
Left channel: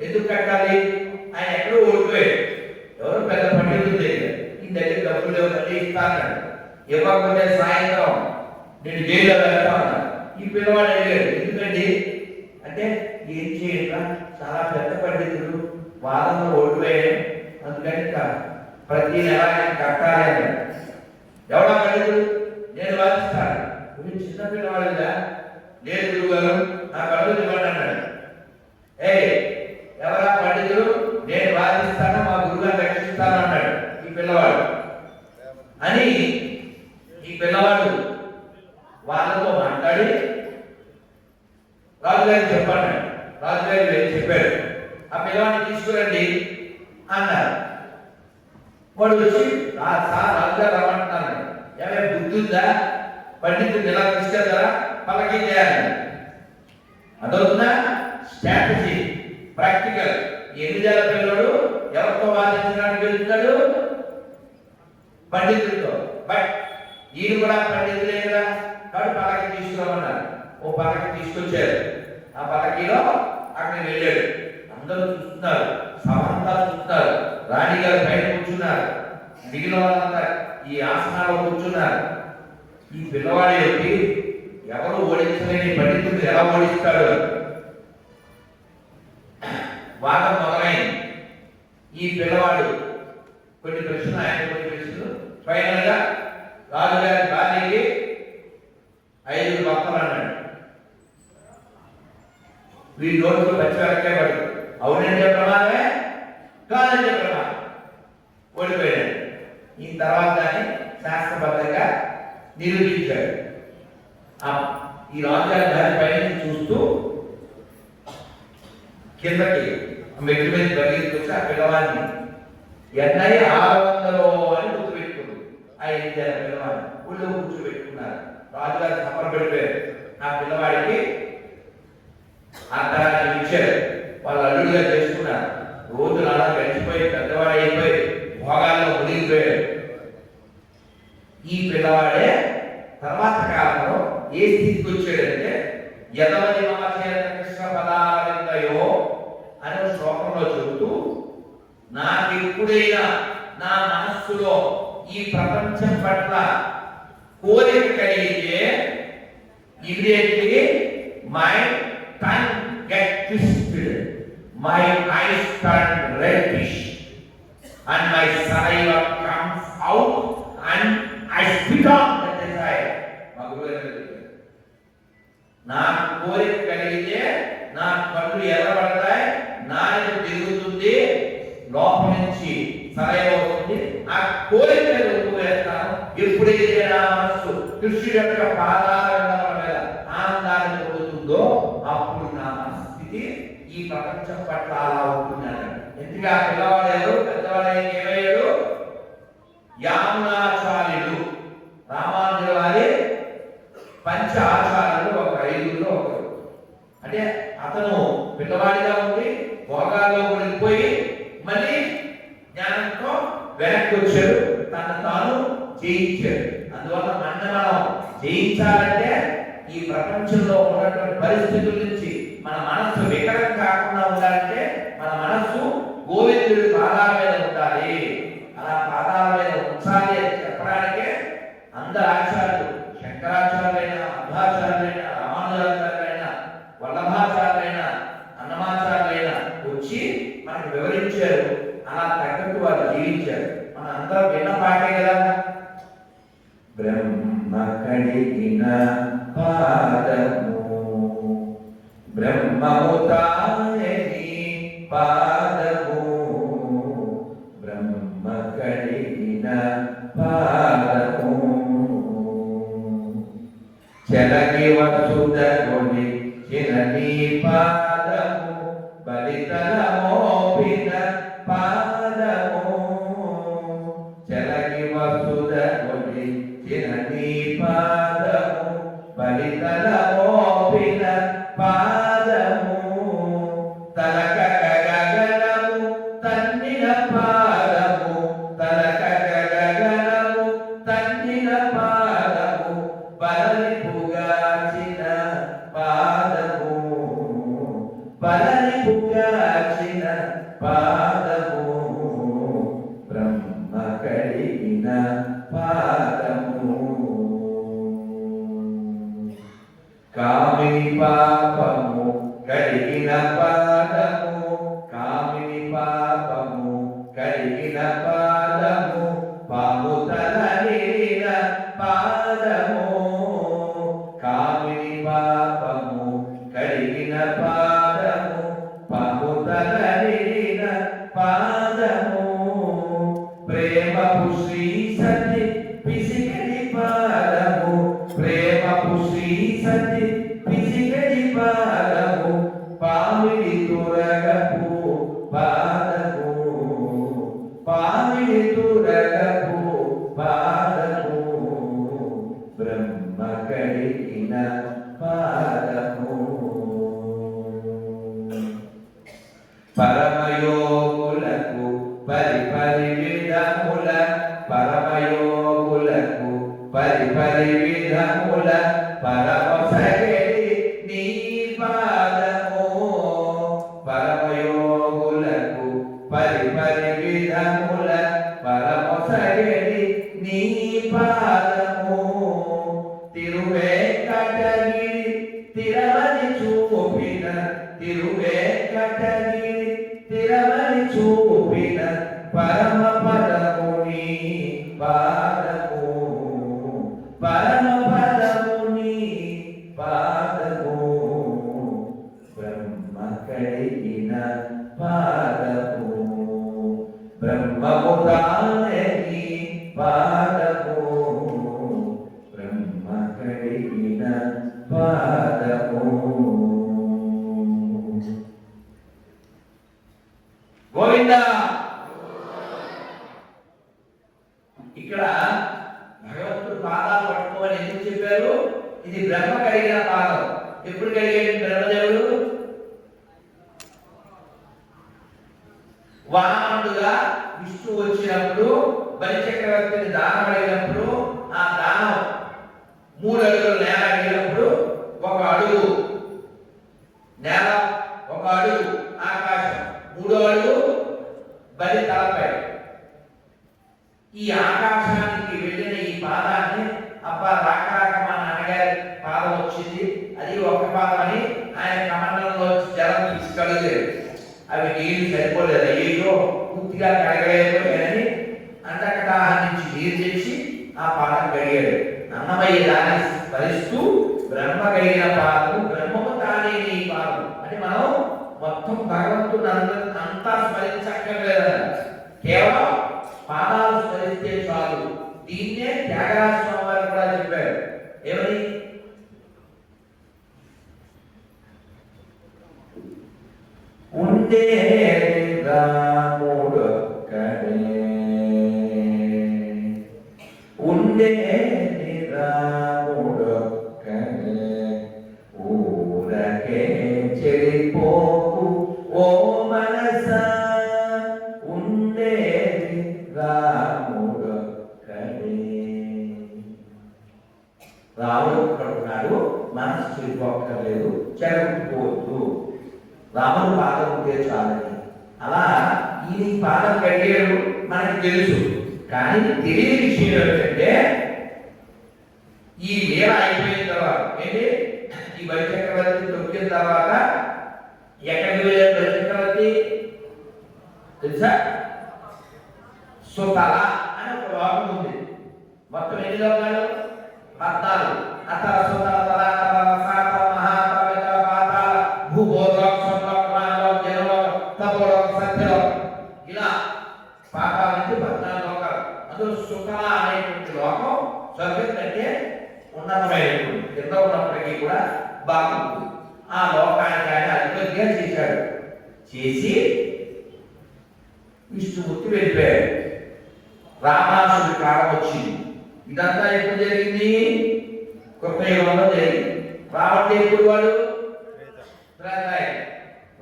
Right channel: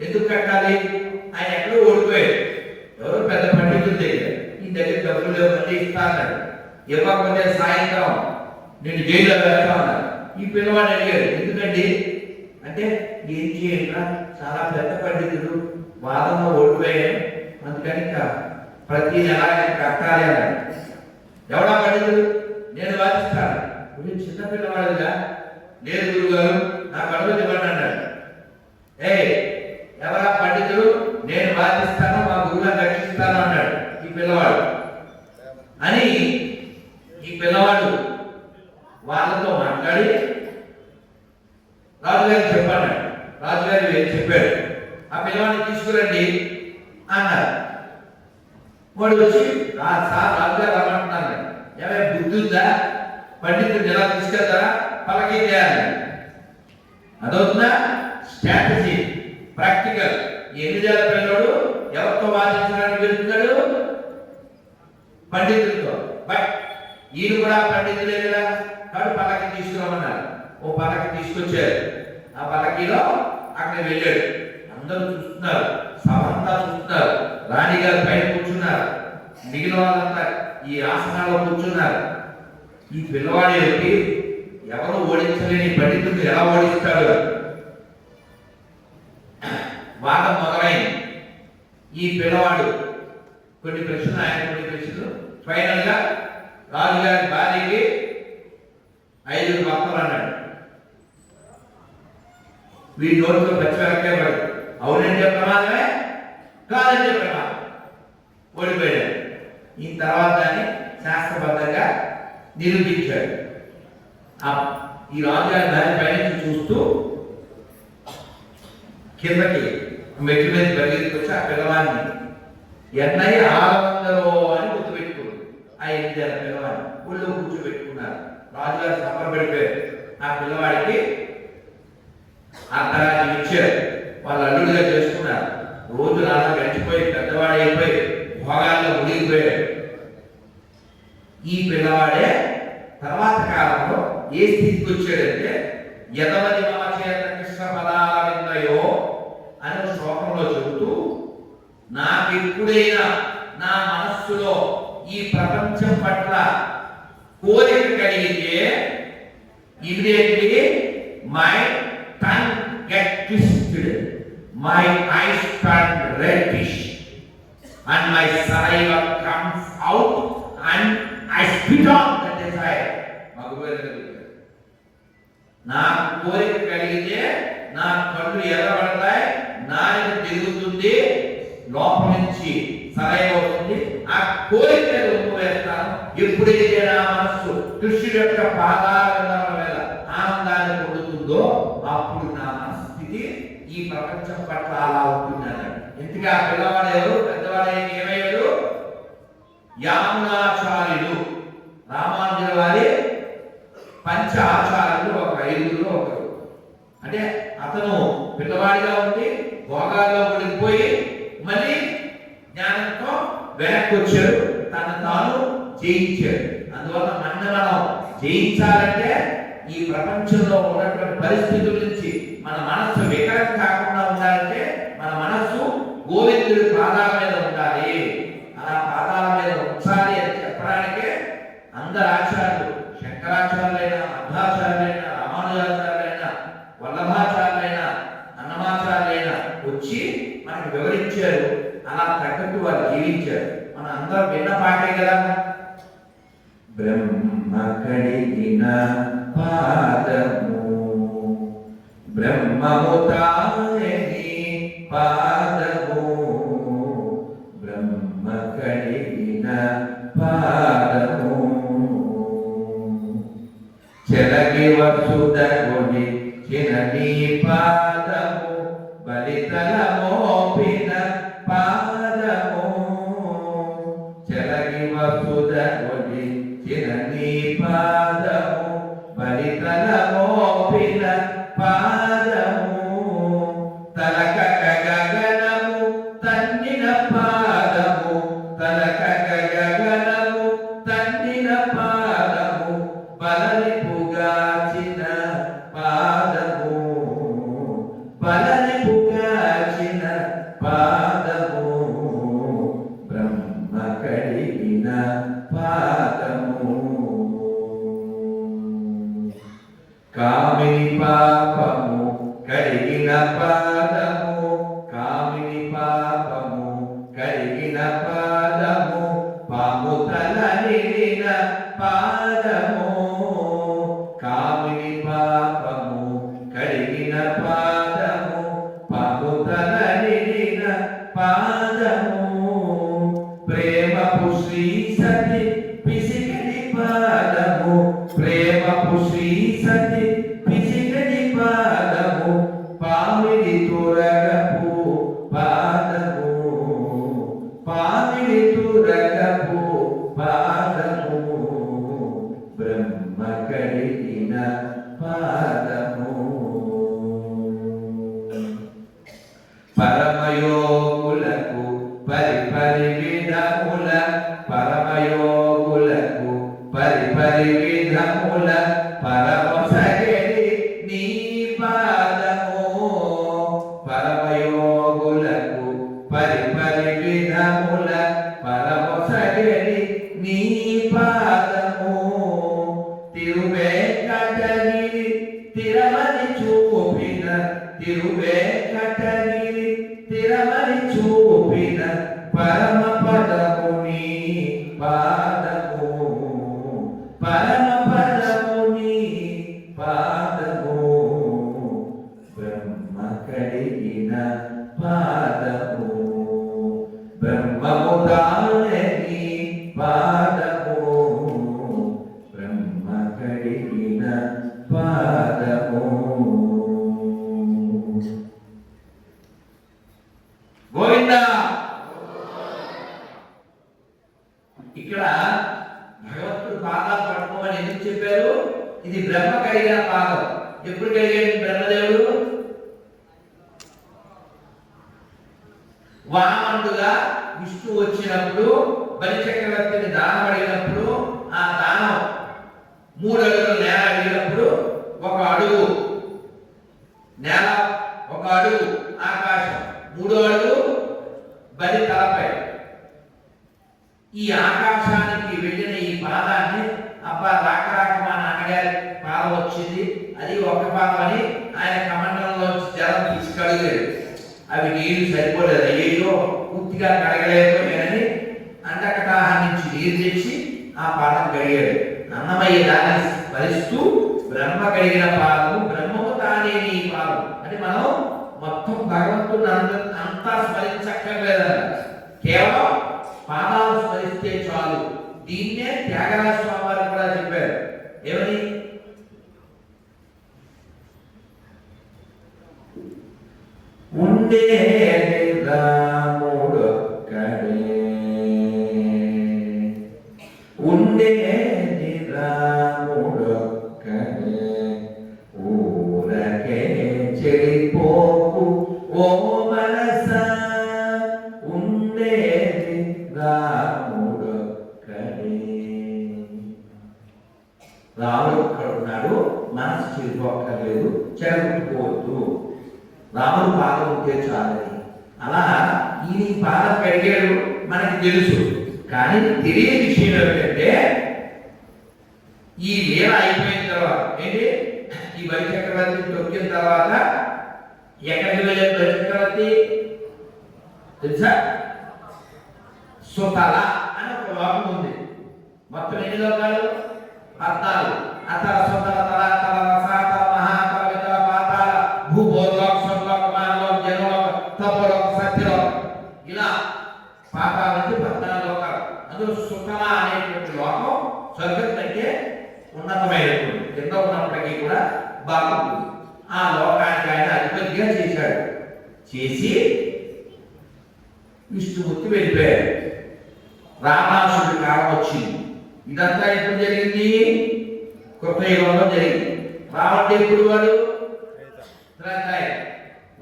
ఎందుకు కట్టాలి? ఆయన ఎక్కడో ఓడిపోయాడు, ఎవరో పెద్ద పండితుల దగ్గర. ఈ దగ్గర డబ్బులు లేవు, ఇస్తాను. ఇవ్వకపోతే సాయంత్రం నేను జైల్లో వెళ్తా ఉన్నాను. ఈ పిల్లవాడు అడిగాడు, ఎందుకండి అంటే ఏం చేయండి, చాలా పెద్ద పండితుడు, వాదంలో ఓడిపోయాడు, అందుకని ప్రతి నెల కట్టాలి అన్నాడు. ఎవడా పండితుడు? నేను వాదిస్తాను. చిన్న పిల్లవాడుగా, లేదు గురుగారు నా కడుపు చెప్పండి అన్నాడు. ఎవరా పండితుడు? నేను వాదిస్తాను, మా గురువుగా రక్షిస్తాను అన్నాడు ఈ పిల్లవాడు. అని ఈ పిల్లవాడు వాళ్ళతో మాట్లాడి రాజుగారికి చెప్పాడు. రాజుగారికి చెప్పాడు, ఆ పిల్లవాడిని తీసుకురండి అన్నారు. వాడు వచ్చి సార్ రాజుగారు రమ్మంటున్నాను. ఏమైనా బుద్ధి ఉందా? పండితుడు ఎలా తీసుకెళ్తారా? పలకీ చేయాలి. అదవుతుందా? Strategy, practical. 8 ఏళ్ల పిల్లడు ఎవరితో వాదించడానికి వెళ్తున్నాడు? పండితుడితో. బట్ ఈయన కూడా పండితులే కదా, కాబట్టి పలక తీసుకురామన్నారు. ఓ పలక తీసుకొచ్చారు. ఆ పలకీలో అక్కడికి వెళ్ళాడు. అందరూ చూస్తున్నారు, సభంతా చూస్తున్నారు. రాణిగారు పైన కూర్చున్నారు, మిగిలిన వాళ్ళంతా ఈ ఆసనాల్లో కూర్చున్నారు. ఈ పిల్లవాడు ఏమిటి, ఎవరు ఓడించలేని పండితుడు ఎలా ఓడిస్తాడు? వాదం మొదలైంది. ఈ పిల్లవాడు కొన్ని ప్రశ్నలు, ఆయన కొన్ని ప్రశ్నలు. ఫైనల్ గా రాజుగారి భార్యకి 5 భక్తులు అన్నాడు. వీరి నోట్లో పచ్చివరకే పడదు. అవునంటే ప్రమాదమే, కాదంటే ప్రమాదం. ఓడిపోయాడు. ఈ తర్వాత దాన్ని శాస్త్రబద్ధంగా నిరూపించాడు. ఈ రాజుగారి దాని పైన చూస్తూ కిందకి మెట్టు మీద పరిగెత్తుకొచ్చి ఆ పిల్లవాడిని ఎన్నై 600 అని గుర్తుపెట్టుకుంది. ఆ 8 ఏళ్ల పిల్లవాడిని ఊళ్ళో కూర్చోబెట్టుకున్నారు. రాజుగారు సంబరపడిపోయారు. ఆ పిల్లవాడికి అర్ధరాజ్యం ఇచ్చారు. వాళ్ళు అల్లుడిగా చేసుకున్నారు. రోజులు అలా గడిచిపోయి పెద్దవాడు అయిపోయి భోగాల్లో మునిగిపోయాడు. ఈ పిల్లవాడే తర్వాత కాలంలో ఏ స్థితికి వచ్చాడంటే యదవది మమచేత కృష్ణ పదాలయో అనే శ్లోకంలో చెబుతూ, నాకు ఎప్పుడైనా నా మనస్సులో ఈ ప్రపంచం పట్ల కోరిక కలిగితే immediately my tongue get twisted, my eyes turn reddish, and my saliva comes out, and I spit on the desire. నా కోరిక కలిగితే నా కళ్ళు ఎర్రబడతాయి, నాలుక తిరుగుతుంది, లోపల నుంచి సరైన వస్తుంది. ఆ కోరిక రూపు వేస్తాను. ఎప్పుడైతే నా మనస్సు కృష్ణుడి యొక్క పాదాల మీద ఆనందాన్ని పొందుతుందో అప్పుడు నా మనస్థితి ఈ ప్రపంచం పట్ల అలా ఉంటున్నాను. ఎందుకు ఆ పిల్లవాడు ఎవరు? పెద్దవాడు ఏమయ్యాడు? యామునాచార్యుడు. రామానుజుల వారి పంచ ఆచార్యులు ఒక 5గురిలో ఒకరు. అంటే అతను పిల్లవాడిగా ఉండి భోగాల్లో మునిగిపోయి మళ్ళీ జ్ఞానంతో వెనక్కి వచ్చాడు, తను తాను జయించాడు. అందువల్ల మనం జయించాలంటే ఈ ప్రపంచంలో ఉన్నటువంటి పరిస్థితుల నుంచి మన మనస్సు వికలం కాకుండా ఉండాలంటే మన మనస్సు గోవిందుడి పాదాల మీద ఉండాలి. అలా పాదాల మీద ఉంచాలి అని చెప్పడానికే అందరు ఆచార్యులు, శంకరాచార్యులైనా, మధ్వాచార్యులైనా, రామానుజాచార్యులైనా, వల్లభాచార్యులైనా, అన్నమాచార్యులైనా వచ్చి మనకు వివరించారు. అలా తగ్గట్టు వారు జీవించారు. మన అందరూ విన్న పాటే కదా. బ్రహ్మ కడిగిన పాదము, బ్రహ్మము తాయని పాదము, బ్రహ్మ కడిగిన పాదము, చెలగి వసుదగుని చినని పాదము, బలితల మోపిన పాదము, చెలగి వసుదగుని చినని పాదము, బలితల మోపిన పాదము, తలక గగనము తన్నిన పాదము, తలక గగనము తన్నిన పాదము, బలలిపుగాచిన పాదము, బలలిపుగాచిన పాదము, బ్రహ్మ కడిగిన పాదము, కామిని పాపము కడిగిన పాదము, కామిని పాపము కడిగిన పాదము, పాము తల నిలిన పాదము, కామిని పాపము కడిగిన పాదము, పాము తల నిలిన పాదము, ప్రేమపు శ్రీ సతి పిసికడి పాదము, ప్రేమపు శ్రీ సతి పిసికడి పాదము, పామిడి తొరగపు పాదము, పామిడి తొరగపు పాదము, బ్రహ్మ కడిగిన పాదము, పరమయోగులకు పరిపరి విధముల, పరమయోగులకు పరిపరి విధముల పరమసగడి నీ పాదము, నొసగెడి నీ పాదము తిరువేంకటగిరి తిరమని చూపిన తిరువేంకటగిరి తిరమని చూపిన పరమ పదము నీ పాదము పరమ పదము నీ పాదము బ్రహ్మ కడిగిన పాదము బ్రహ్మము తానే నీ పాదము బ్రహ్మ కడిగిన పాదము. గోవిందా. ఇక్కడ భగవంతుడు పాదాలు పట్టుకోమని ఎందుకు చెప్పారు? ఇది బ్రహ్మ కడిగిన పాదం. ఎప్పుడు కడిగాడు బ్రహ్మదేవుడు? వామనుడుగా విష్ణు వచ్చినప్పుడు బలిచక్రవర్తిని దానం అడిగినప్పుడు ఆ దానం 3 అడుగులు నేల అడిగినప్పుడు 1 అడుగు నేల, 1 అడుగు ఆకాశం, 3వ అడుగు బలి తలపై. ఈ ఆకాశానికి వెళ్ళిన ఈ పాదాన్ని అబ్బా రాక మా నాన్నగారి పాదం వచ్చింది, అది ఒక పాదం అని ఆయన కమండలంలో జలం తీసి కడగలేదు. అవి నీళ్లు సరిపోలేదు, అయ్యో పూర్తిగా కడగలేకపోయాని అండకటాహం నుంచి నీరు తెచ్చి ఆ పాదం కడిగాడు. అన్నమయ్య దాన్ని స్మరిస్తూ బ్రహ్మ కడిగిన పాదము బ్రహ్మము తానే నీ పాదం అని మనం మొత్తం భగవంతుడు అంతా స్మరించక్కర్లేదన్న, కేవలం పాదాలు స్మరిస్తే చాలు. దీన్నే త్యాగరాజ స్వామి వారు కూడా చెప్పారు. ఏమని? ఉండే రాముడొక్కడే ఉండే రాముడొక్కడే ఊరకే చెడిపోకు ఓ మనస ఉండే రాముడొక్కడే. రాముడు ఒక్కడున్నాడు, మనసు చెడిపోక్కర్లేదు, చెడగొట్టుకోవద్దు, రాముడు పాదం ఉంటే చాలని. అలా ఈ పాదం కడిగాడు మనకు తెలుసు, కానీ తెలియని విషయం ఏమిటంటే ఈ లీల అయిపోయిన తర్వాత ఏంటి, ఈ బలిచక్రవర్తి తొక్కిన తర్వాత ఎక్కడికి వెళ్ళాడు బలిచక్రవర్తి తెలుసా? సుతల అని ఒక లోకం ఉంది. మొత్తం ఎన్ని లోకాలు? 14. అతల సుతల తల తల రసాతల మహాతల వితల పాతాల భూభోలోక స్వర్లోక మానలోక జనలోక తపోలోక సత్యలోక, ఇలా పాతాల నుంచి 14 లోకాలు. అందులో సుతల అనేటువంటి లోకం స్వర్గం కంటే ఉన్నతమైనటువంటి, కింద ఉన్నప్పటికీ కూడా బాగుంటుంది. ఆ లోకానికి ఆయన అధిపతిగా చేశాడు. చేసి విష్ణుమూర్తి వెళ్ళిపోయాడు. రావణాసుడి కాలం వచ్చింది. ఇదంతా ఎప్పుడు జరిగింది? కృతయుగంలో జరిగింది. రావణుడు ఎప్పుడు వాడు?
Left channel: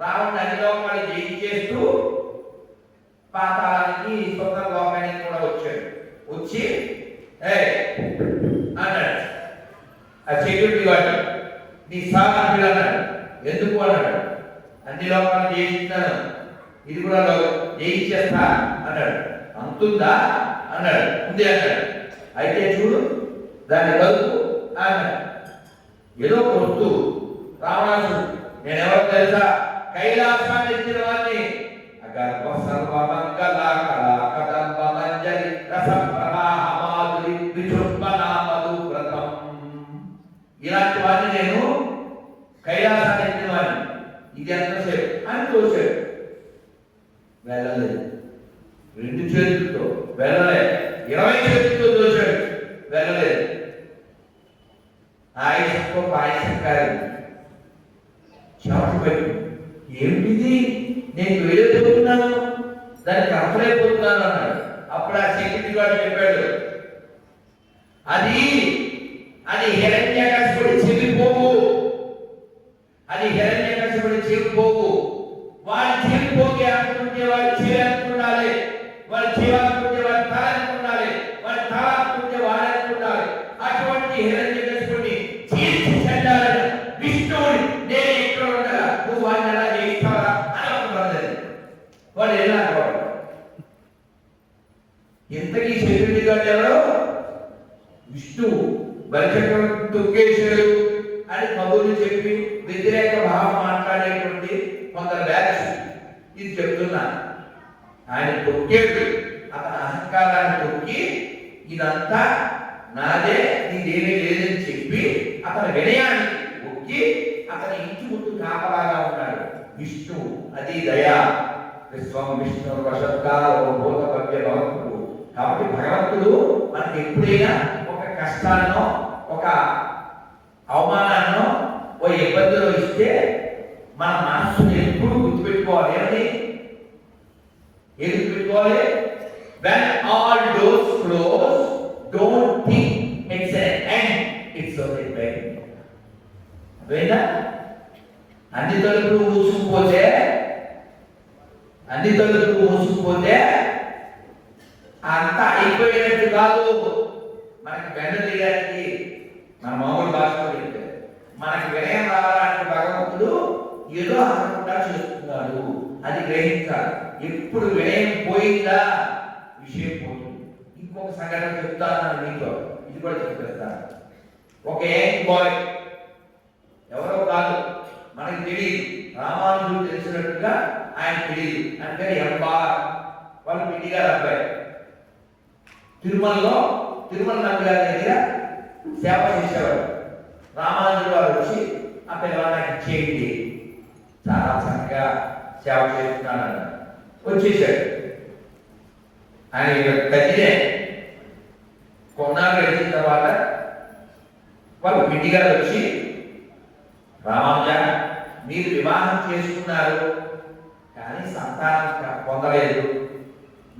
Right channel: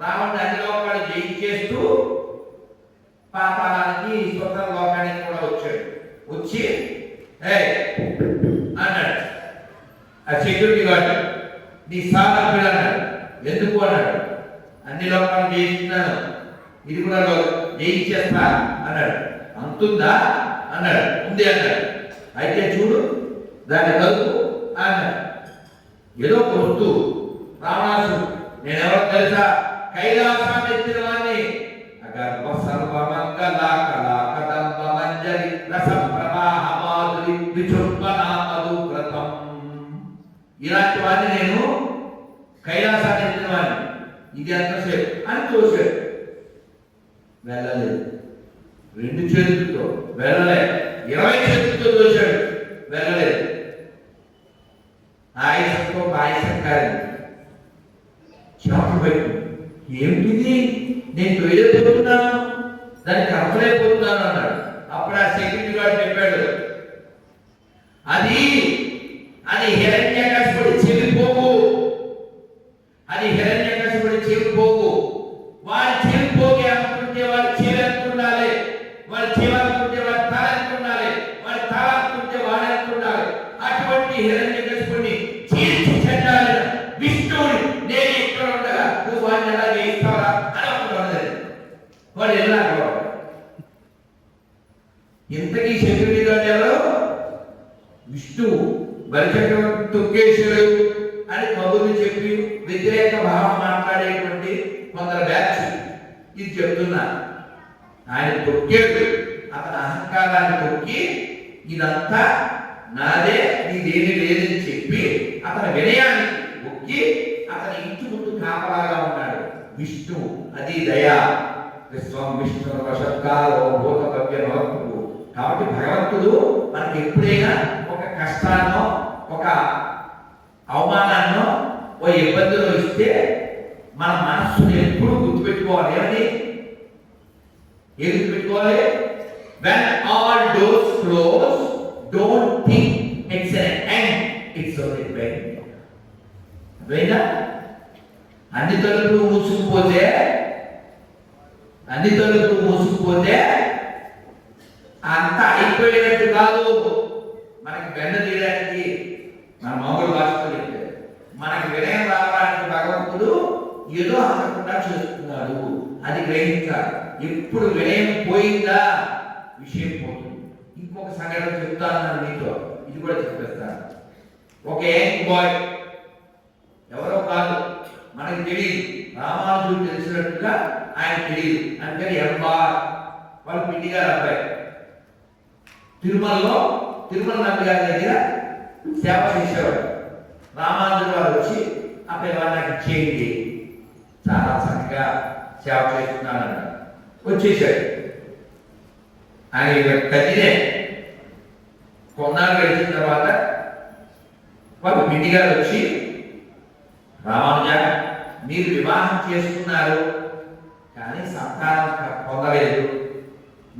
రావణుడు అన్ని లోకాలు జయించేస్తూ పాతాళానికి స్వతంత్ర లోకానికి కూడా వచ్చాడు. వచ్చి అన్నాడు ఆ సెక్యూరిటీ గార్డు, నీ సామర్థ్యుడు అన్నాడు. ఎందుకు అన్నాడు? అన్ని లోకాలు జయిస్తున్నాను, ఇది కూడా జయించేస్తా అన్నాడు. అంతుందా అన్నాడు. ఉంది అన్నాడు. అయితే చూడు దాన్ని కలుపు అన్నాడు. ఏదో ఒక వస్తువు రావణాసుడు, నేనెవరో తెలుసా? కైలాసాన్ని ఎత్తిన వాడిని, అగర్భ సర్వమంగళ కళా కదంబ మంజరి రస ప్రవాహ మాధురి విజృంభణ మధువ్రతం, ఇలాంటి వాడిని నేను, కైలాసాన్ని ఎత్తిన వాడిని. ఇది ఎంతసేపు అని చూశాడు. వెళ్ళలేదు. 2 చేతులతో వెళ్ళలేదు. 20 చేతులతో చూశాడు, వెళ్ళలేదు. ఆయుషంతో పాయసం కాదు, చెమట పెట్టు. ఏమిటిది? నేను వెళ్ళిపోతున్నాను, దానికి అర్థమైపోతున్నాను అన్నాడు. అప్పుడు ఆ సెక్యూరిటీ గార్డు చెప్పాడు, అది హిరణ్యకశిపుడి చెవిపోగు, అది హిరణ్యకశిపుడి చెవిపోగు. వాడి చెవిపోగి అనుకుంటే వాడి చెవి అనుకుండాలి, వాడి చెవి అనుకుంటే వాడి తల అనుకుండాలి, వాడి ఇంతకీ సెక్యూరిటీ గార్డ్ ఎవరు? విష్ణువు. బలిచక్రవర్తి తొక్కేశాడు అని కబుర్లు చెప్పి వ్యతిరేక భావం మాట్లాడేటువంటి కొందరు బ్యాచ్ ఇది చెప్తున్నా. ఆయన తొక్కాడు, అతని అహంకారాన్ని తొక్కి ఇదంతా నాదే, నీదేమీ లేదని చెప్పి అతని వినయాన్ని ఒక్కి అతని ఇంటి ముందు కాపలాగా ఉన్నాడు విష్ణువు. అది దయా. విశ్వం విష్ణు వశత్కాలో భూత భవ్య భక్తుడు. కాబట్టి భగవంతుడు మనకి ఎప్పుడైనా ఒక కష్టాన్నో ఒక అవమానాన్నో ఓ ఇబ్బందిలో ఇస్తే మన మనస్సుని ఎప్పుడు గుర్తుపెట్టుకోవాలి. ఏం గుర్తుపెట్టుకోవాలి? when all doors close, don't think it's an end, it's only a beginning. అర్థమైందా? అన్ని తలుపులు మూసుకుపోతే అంతా అయిపోయినట్టు కాదు. మనకి బెండ తీయడానికి మన మామూలు భాషలో చెప్తే మనకి వినయం రావడానికి భగవంతుడు ఏదో అనకుండా చేస్తున్నాడు. అది గ్రహించాలి. ఎప్పుడు వినయం పోయిందా విషయం పోతుంది. ఇంకొక సంఘటన చెప్తాను మీతో, ఇది కూడా చెప్పేస్తాను. ఒక యంగ్ బాయ్, ఎవరో కాదు, మనకి తెలియదు, రామానుజుడు తెలిసినట్టుగా ఆయన తెలియదు. అంటే ఎంబార్ వాళ్ళ పిన్ని గారు అబ్బాయి తిరుమల నంది గారి దగ్గర సేవ చేసేవాడు. రామానుజుడు వారు వచ్చి ఆ పిల్లవాళ్ళకి ఇచ్చేయండి, చాలా చక్కగా సేవ చేస్తున్నాడు వచ్చేసాడు. ఆయన గదినే కొన్నాళ్ళు గడిచిన తర్వాత వాళ్ళ పిన్ని గారు వచ్చి, రామానుజ మీరు వివాహం చేసుకున్నారు కానీ సంతానం పొందలేదు,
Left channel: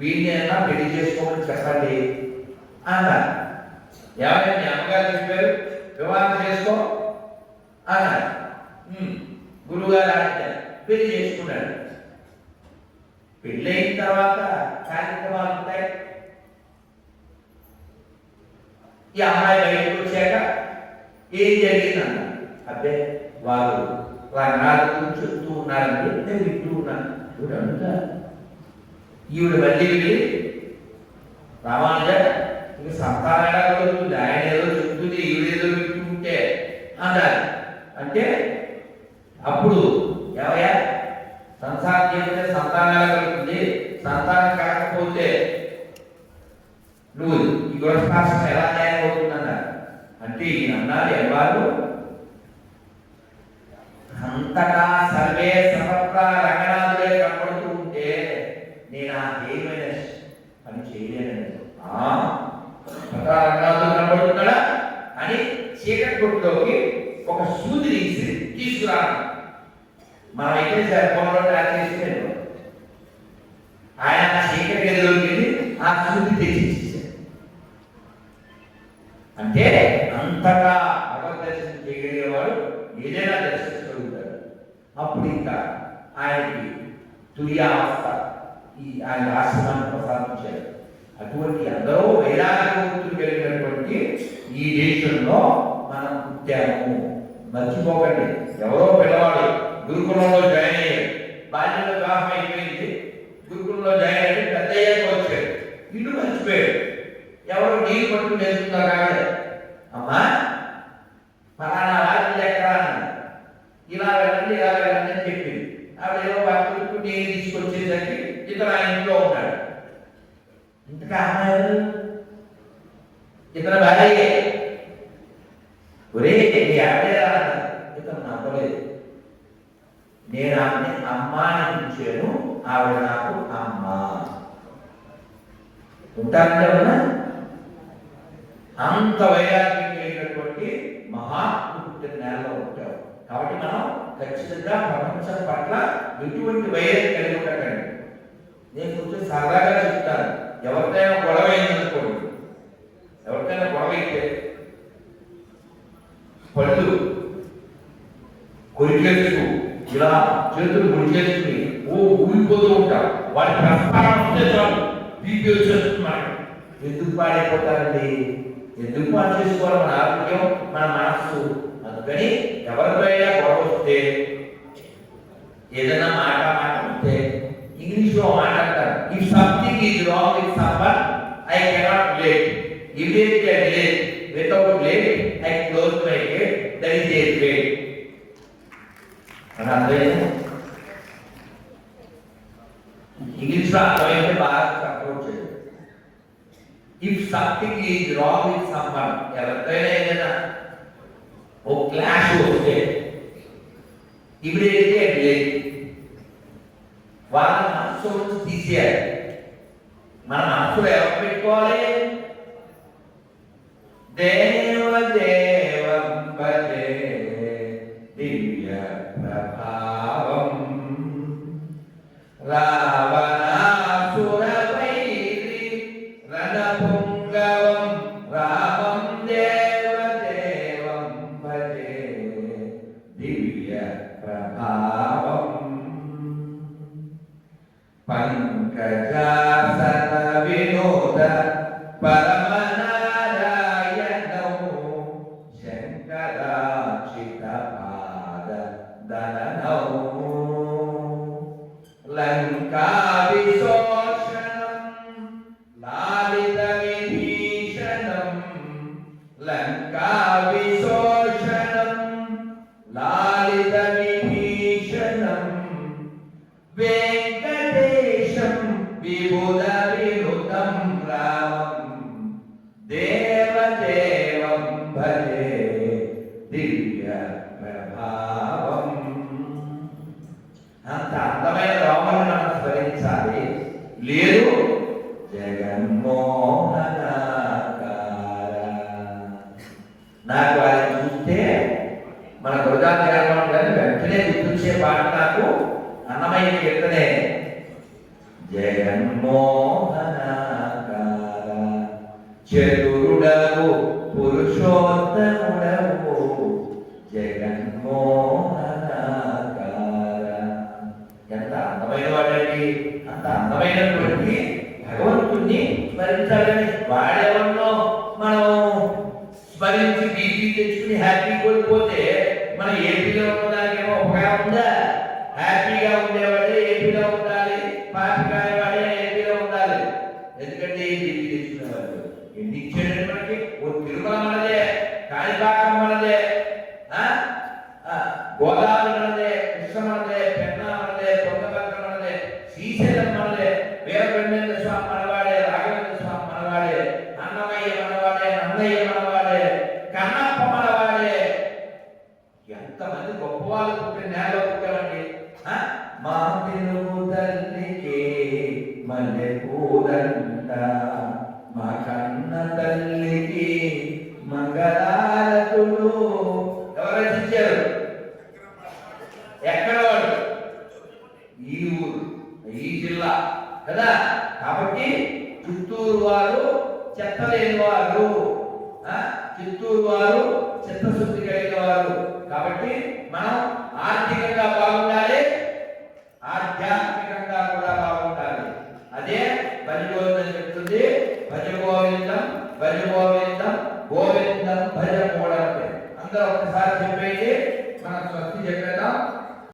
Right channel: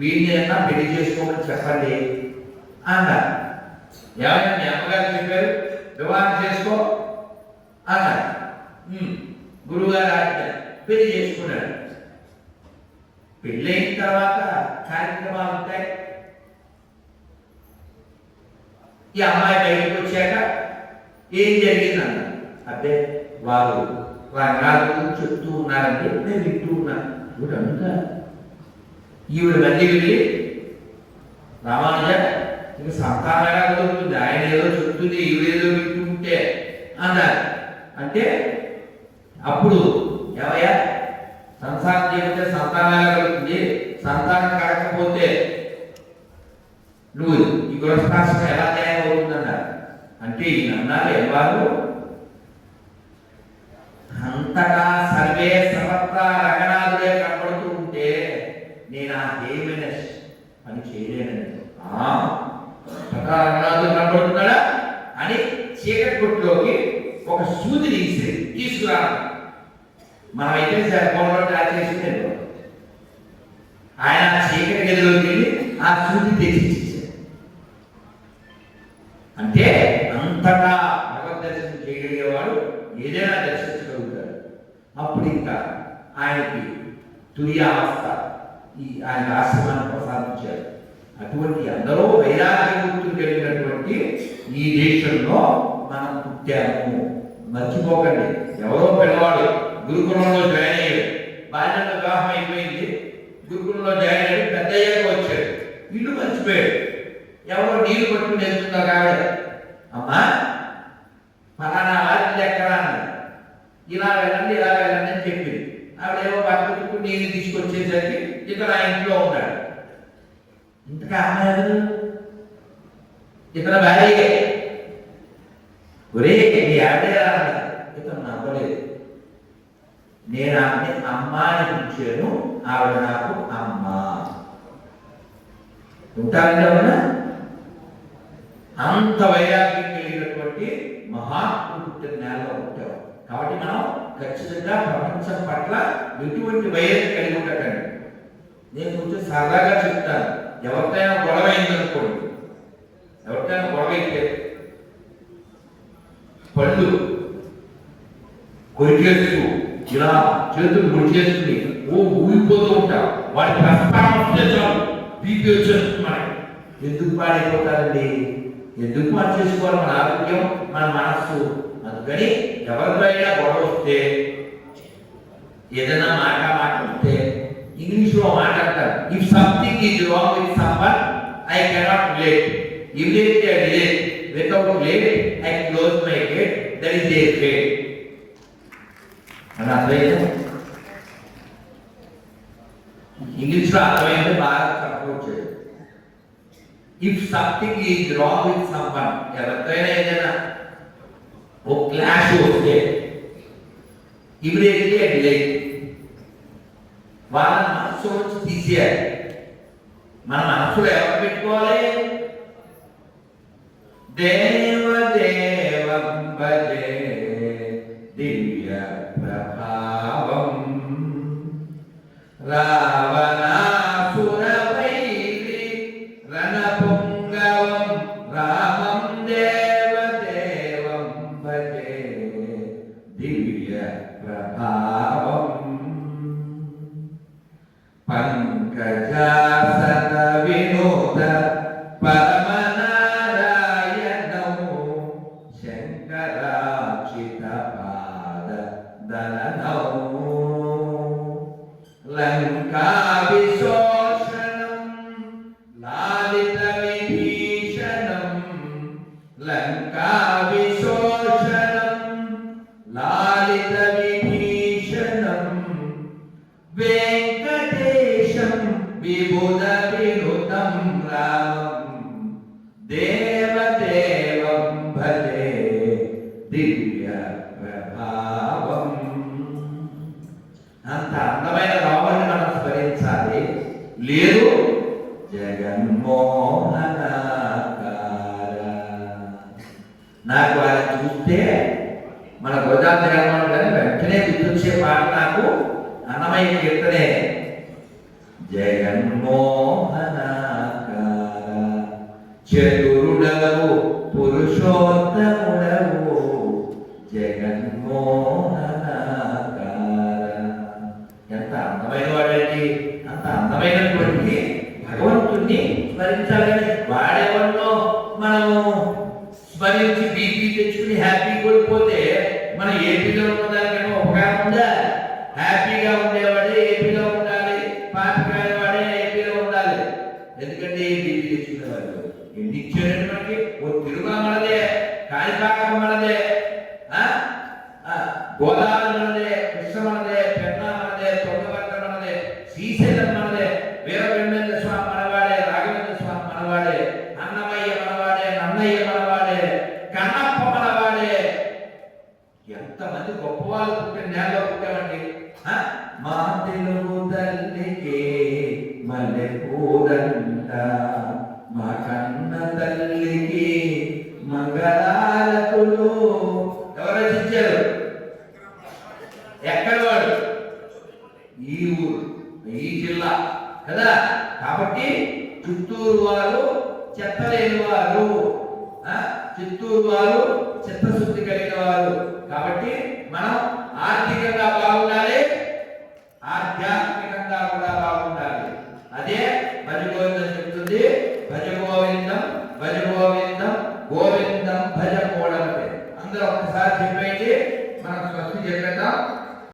వీడినైనా పెళ్లి చేసుకోమని చెప్పండి అన్నారు. ఏమైనా మీ అమ్మగారు చెప్పారు వివాహం చేసుకో అన్నారు. గురువుగారు ఆజ్ఞ, పెళ్లి చేసుకున్నాడు. పెళ్ళైన తర్వాత కార్యక్రమాలు ఉంటాయి. ఈ అమ్మాయి బయటకు వచ్చాక ఏం జరిగిందన్న, అదే వారు రంగాలు చెప్తూ ఉన్నారంటే నేను వింటూ ఉన్నాను. ఇప్పుడు అనుక ఈవిడ మళ్ళీ వెళ్ళి, రామానుజ ఇక సంతానంగా దొరుకుతుంది, ఆయన ఏదో చెప్తుంది ఈవిడేదో వింటుంటే అన్నారు. అంటే అప్పుడు ఏమయ్యా సంసారం చేస్తే సంతానంగా కలుగుతుంది, సంతానం కాకపోతే నువ్వు ఈ గృహస్థాశ్రమం ఎలా తయారవుతుందన్నారు. అంటే ఈయన అన్నారు, ఎవరు అంతటా సర్వే సర్వత్రా రంగనాథుడే కనపడుతూ ఉంటే నేను ఆ ఏమైనా పని చేయలేనండి. రంగనాథుడు కనపడుతున్నాడా అని చీకటి కొట్టులోకి ఒక సూది తీసుకురా. మనమైతే ఫోన్లో ట్రాక్ చేసుకునేది. ఆయన చీకటి గదిలోకి వెళ్ళి ఆ సూది తెచ్చిచ్చేసాడు. అంటే అంతటా భగవద్ దర్శనం చేయగలిగేవాడు ఏదైనా దర్శించగలుగుతాడు. అప్పుడు ఇంకా ఆయనకి తుర్యావస్థ ఆయన ఆశ్రమాన్ని ప్రసాదించాడు. అటువంటి అందరూ వైరాగ్యమూర్తులు కలిగినటువంటి ఈ దేశంలో మనం పుట్టాము. మర్చిపోకండి. ఎవరో పిల్లవాడు గురుకులంలో జాయిన్ అయ్యాడు, బాల్యంలో వివాహం అయిపోయింది, గురుకులంలో జాయిన్ అయ్యాడు, పెద్ద అయ్యాక వచ్చాడు, ఇల్లు మర్చిపోయాడు. ఎవరో నీళ్ళు పట్టుకుని నేర్చుకుందో కావాలి, అమ్మా ఫలానా వారి ఎక్కడ ఇలా వెళ్ళండి అని చెప్పింది. ఆవిడ ఏమో పట్టుకు నీళ్ళు తీసుకొచ్చేసరికి ఇతర ఇంట్లో ఉన్నాడు. ఇంతగా అమ్మాయి ఇతర భార్య, ఒరే మీ ఆవిడ ఇతను నమ్మలేదు. నేను ఆమె అమ్మాని పిలిచాను, ఆవిడ నాకు అమ్మ. ఉంటారండి అవునా? అంత వైరాగ్యం కలిగినటువంటి మహాపురుషుడి నేలలో ఉంటాం. కాబట్టి మనం ఖచ్చితంగా ప్రపంచం పట్ల ఎటువంటి వైరం కలిగి ఉండకండి. నేను కొంచెం సరదాగా చెప్తాను. ఎవరికైనా గొడవ అయిందనుకోండి, ఎవరికైనా గొడవ అయితే పళ్ళు కొరికేస్తూ ఇలా చేతులు గుడి చేసుకుని ఊగిపోతూ ఉంటాం. వాటి ప్రస్థానం వస్తే చాలు బీపీ వచ్చేస్తున్నారు. ఎందుకు పాడైపోతారండి? ఎందుకు పాడు చేసుకోవాలి మన ఆరోగ్యం, మన మనస్సు? అందుకని ఎవరిపైనా గొడవ వస్తే, ఏదైనా మాట వస్తే ఇంగ్లీష్లో మాట అంటారు, if something is wrong with someone Immediately I delete. Without late, I close my gate. That is a gate. English లో అర్థమైతే బాగా సపోర్ట్ చేయాలి. If something is wrong with someone, ఎవరికైనా ఏదైనా ఓ క్లాష్ వస్తే ఇమీడియట్లీ డిలీట్. వాళ్ళ మనసు నుంచి తీసేయాలి. మన మనసులో ఎవరు పెట్టుకోవాలి? దేవదేవం భజే దివ్య ప్రభావం రావణాసురవైరి రణపుంగవం రామం దేవదేవం భజే దివ్య ప్రభావం పంకజాసన వినోద పరమనారాయణం శంకరాచిత పాద దళనౌ లంకా విశోషణం లాలిత విభీషణం లంకా విశోషణం లాలిత విభీషణం వెంకటేశం విబుధ వినుతం రామం దేవదేవం భజే దివ్య ప్రభావం. అంత అందమైన రాముని మనం స్మరించాలి. లేదు జగన్మోహనాకార. నాకు వారిని చూస్తే మన గోదావరి గ్రామంలో కానీ వెంటనే గుర్తొచ్చే పాట నాకు అన్నమయ్య కీర్తనే. జగన్మోహనాకార చతురుడవు పురుషోత్తముడవు జగన్మోహనాకార. ఎంత అందమైన వాడండి. అంత అందమైనటువంటి భగవంతుణ్ణి స్మరించాలని వాడెవన్నో మనం స్మరించి బీపీ తెచ్చుకుని హ్యాపీ కోల్పోతే మన ఏపీలో ఉన్నదానికేమో ఉపకారం ఉందా? హ్యాపీగా ఉండేవాడే ఏపీలో ఉండాలి, పాపికాయ వాడే ఏపీలో ఉండాలి. ఎందుకంటే బీపీ తెచ్చుకునేవాళ్ళు ఎన్ని ఇచ్చారండి మనకి? ఓ తిరుమల మనదే, కాణిపాకం మనదే, గోదావరి మనదే, కృష్ణ మనదే, పెన్నా మనదే, తుంగభద్ర మనదే, శ్రీశైలం మనదే, వీరబ్రహ్మేంద్ర స్వామి మనవాడే, రాఘవేంద్ర స్వామి మనవాడే, అన్నమయ్య మనవాడే, నన్నయ్య మనవాడే, కన్నప్ప మనవాడే. ఎంతమంది గొప్పవాళ్ళు పుట్టిన నేలలో పుట్టామండి. మా తెలుగు తల్లికి మల్లె పూలంట, మా కన్న తల్లికి మంగళారతులు. ఎవరు రచించారు? ఎక్కడ వాడు? ఈ ఊరు, ఈ జిల్లా కదా. కాబట్టి చిత్తూరు వారు చెత్తలేని వారు, చిత్తూరు వారు చిత్తశుద్ధి కలిగిన వారు. కాబట్టి మనం ఆర్థికంగా బాగుండాలి, ఆధ్యాత్మికంగా కూడా బాగుండాలి. అదే భజ గోవిందం చెప్తుంది. భజ గోవిందం, భజ గోవిందం, గోవిందం భజ గోడంటే. అందరూ ఒకసారి చెప్పేది మనం స్వస్తి చెప్పేద్దాం.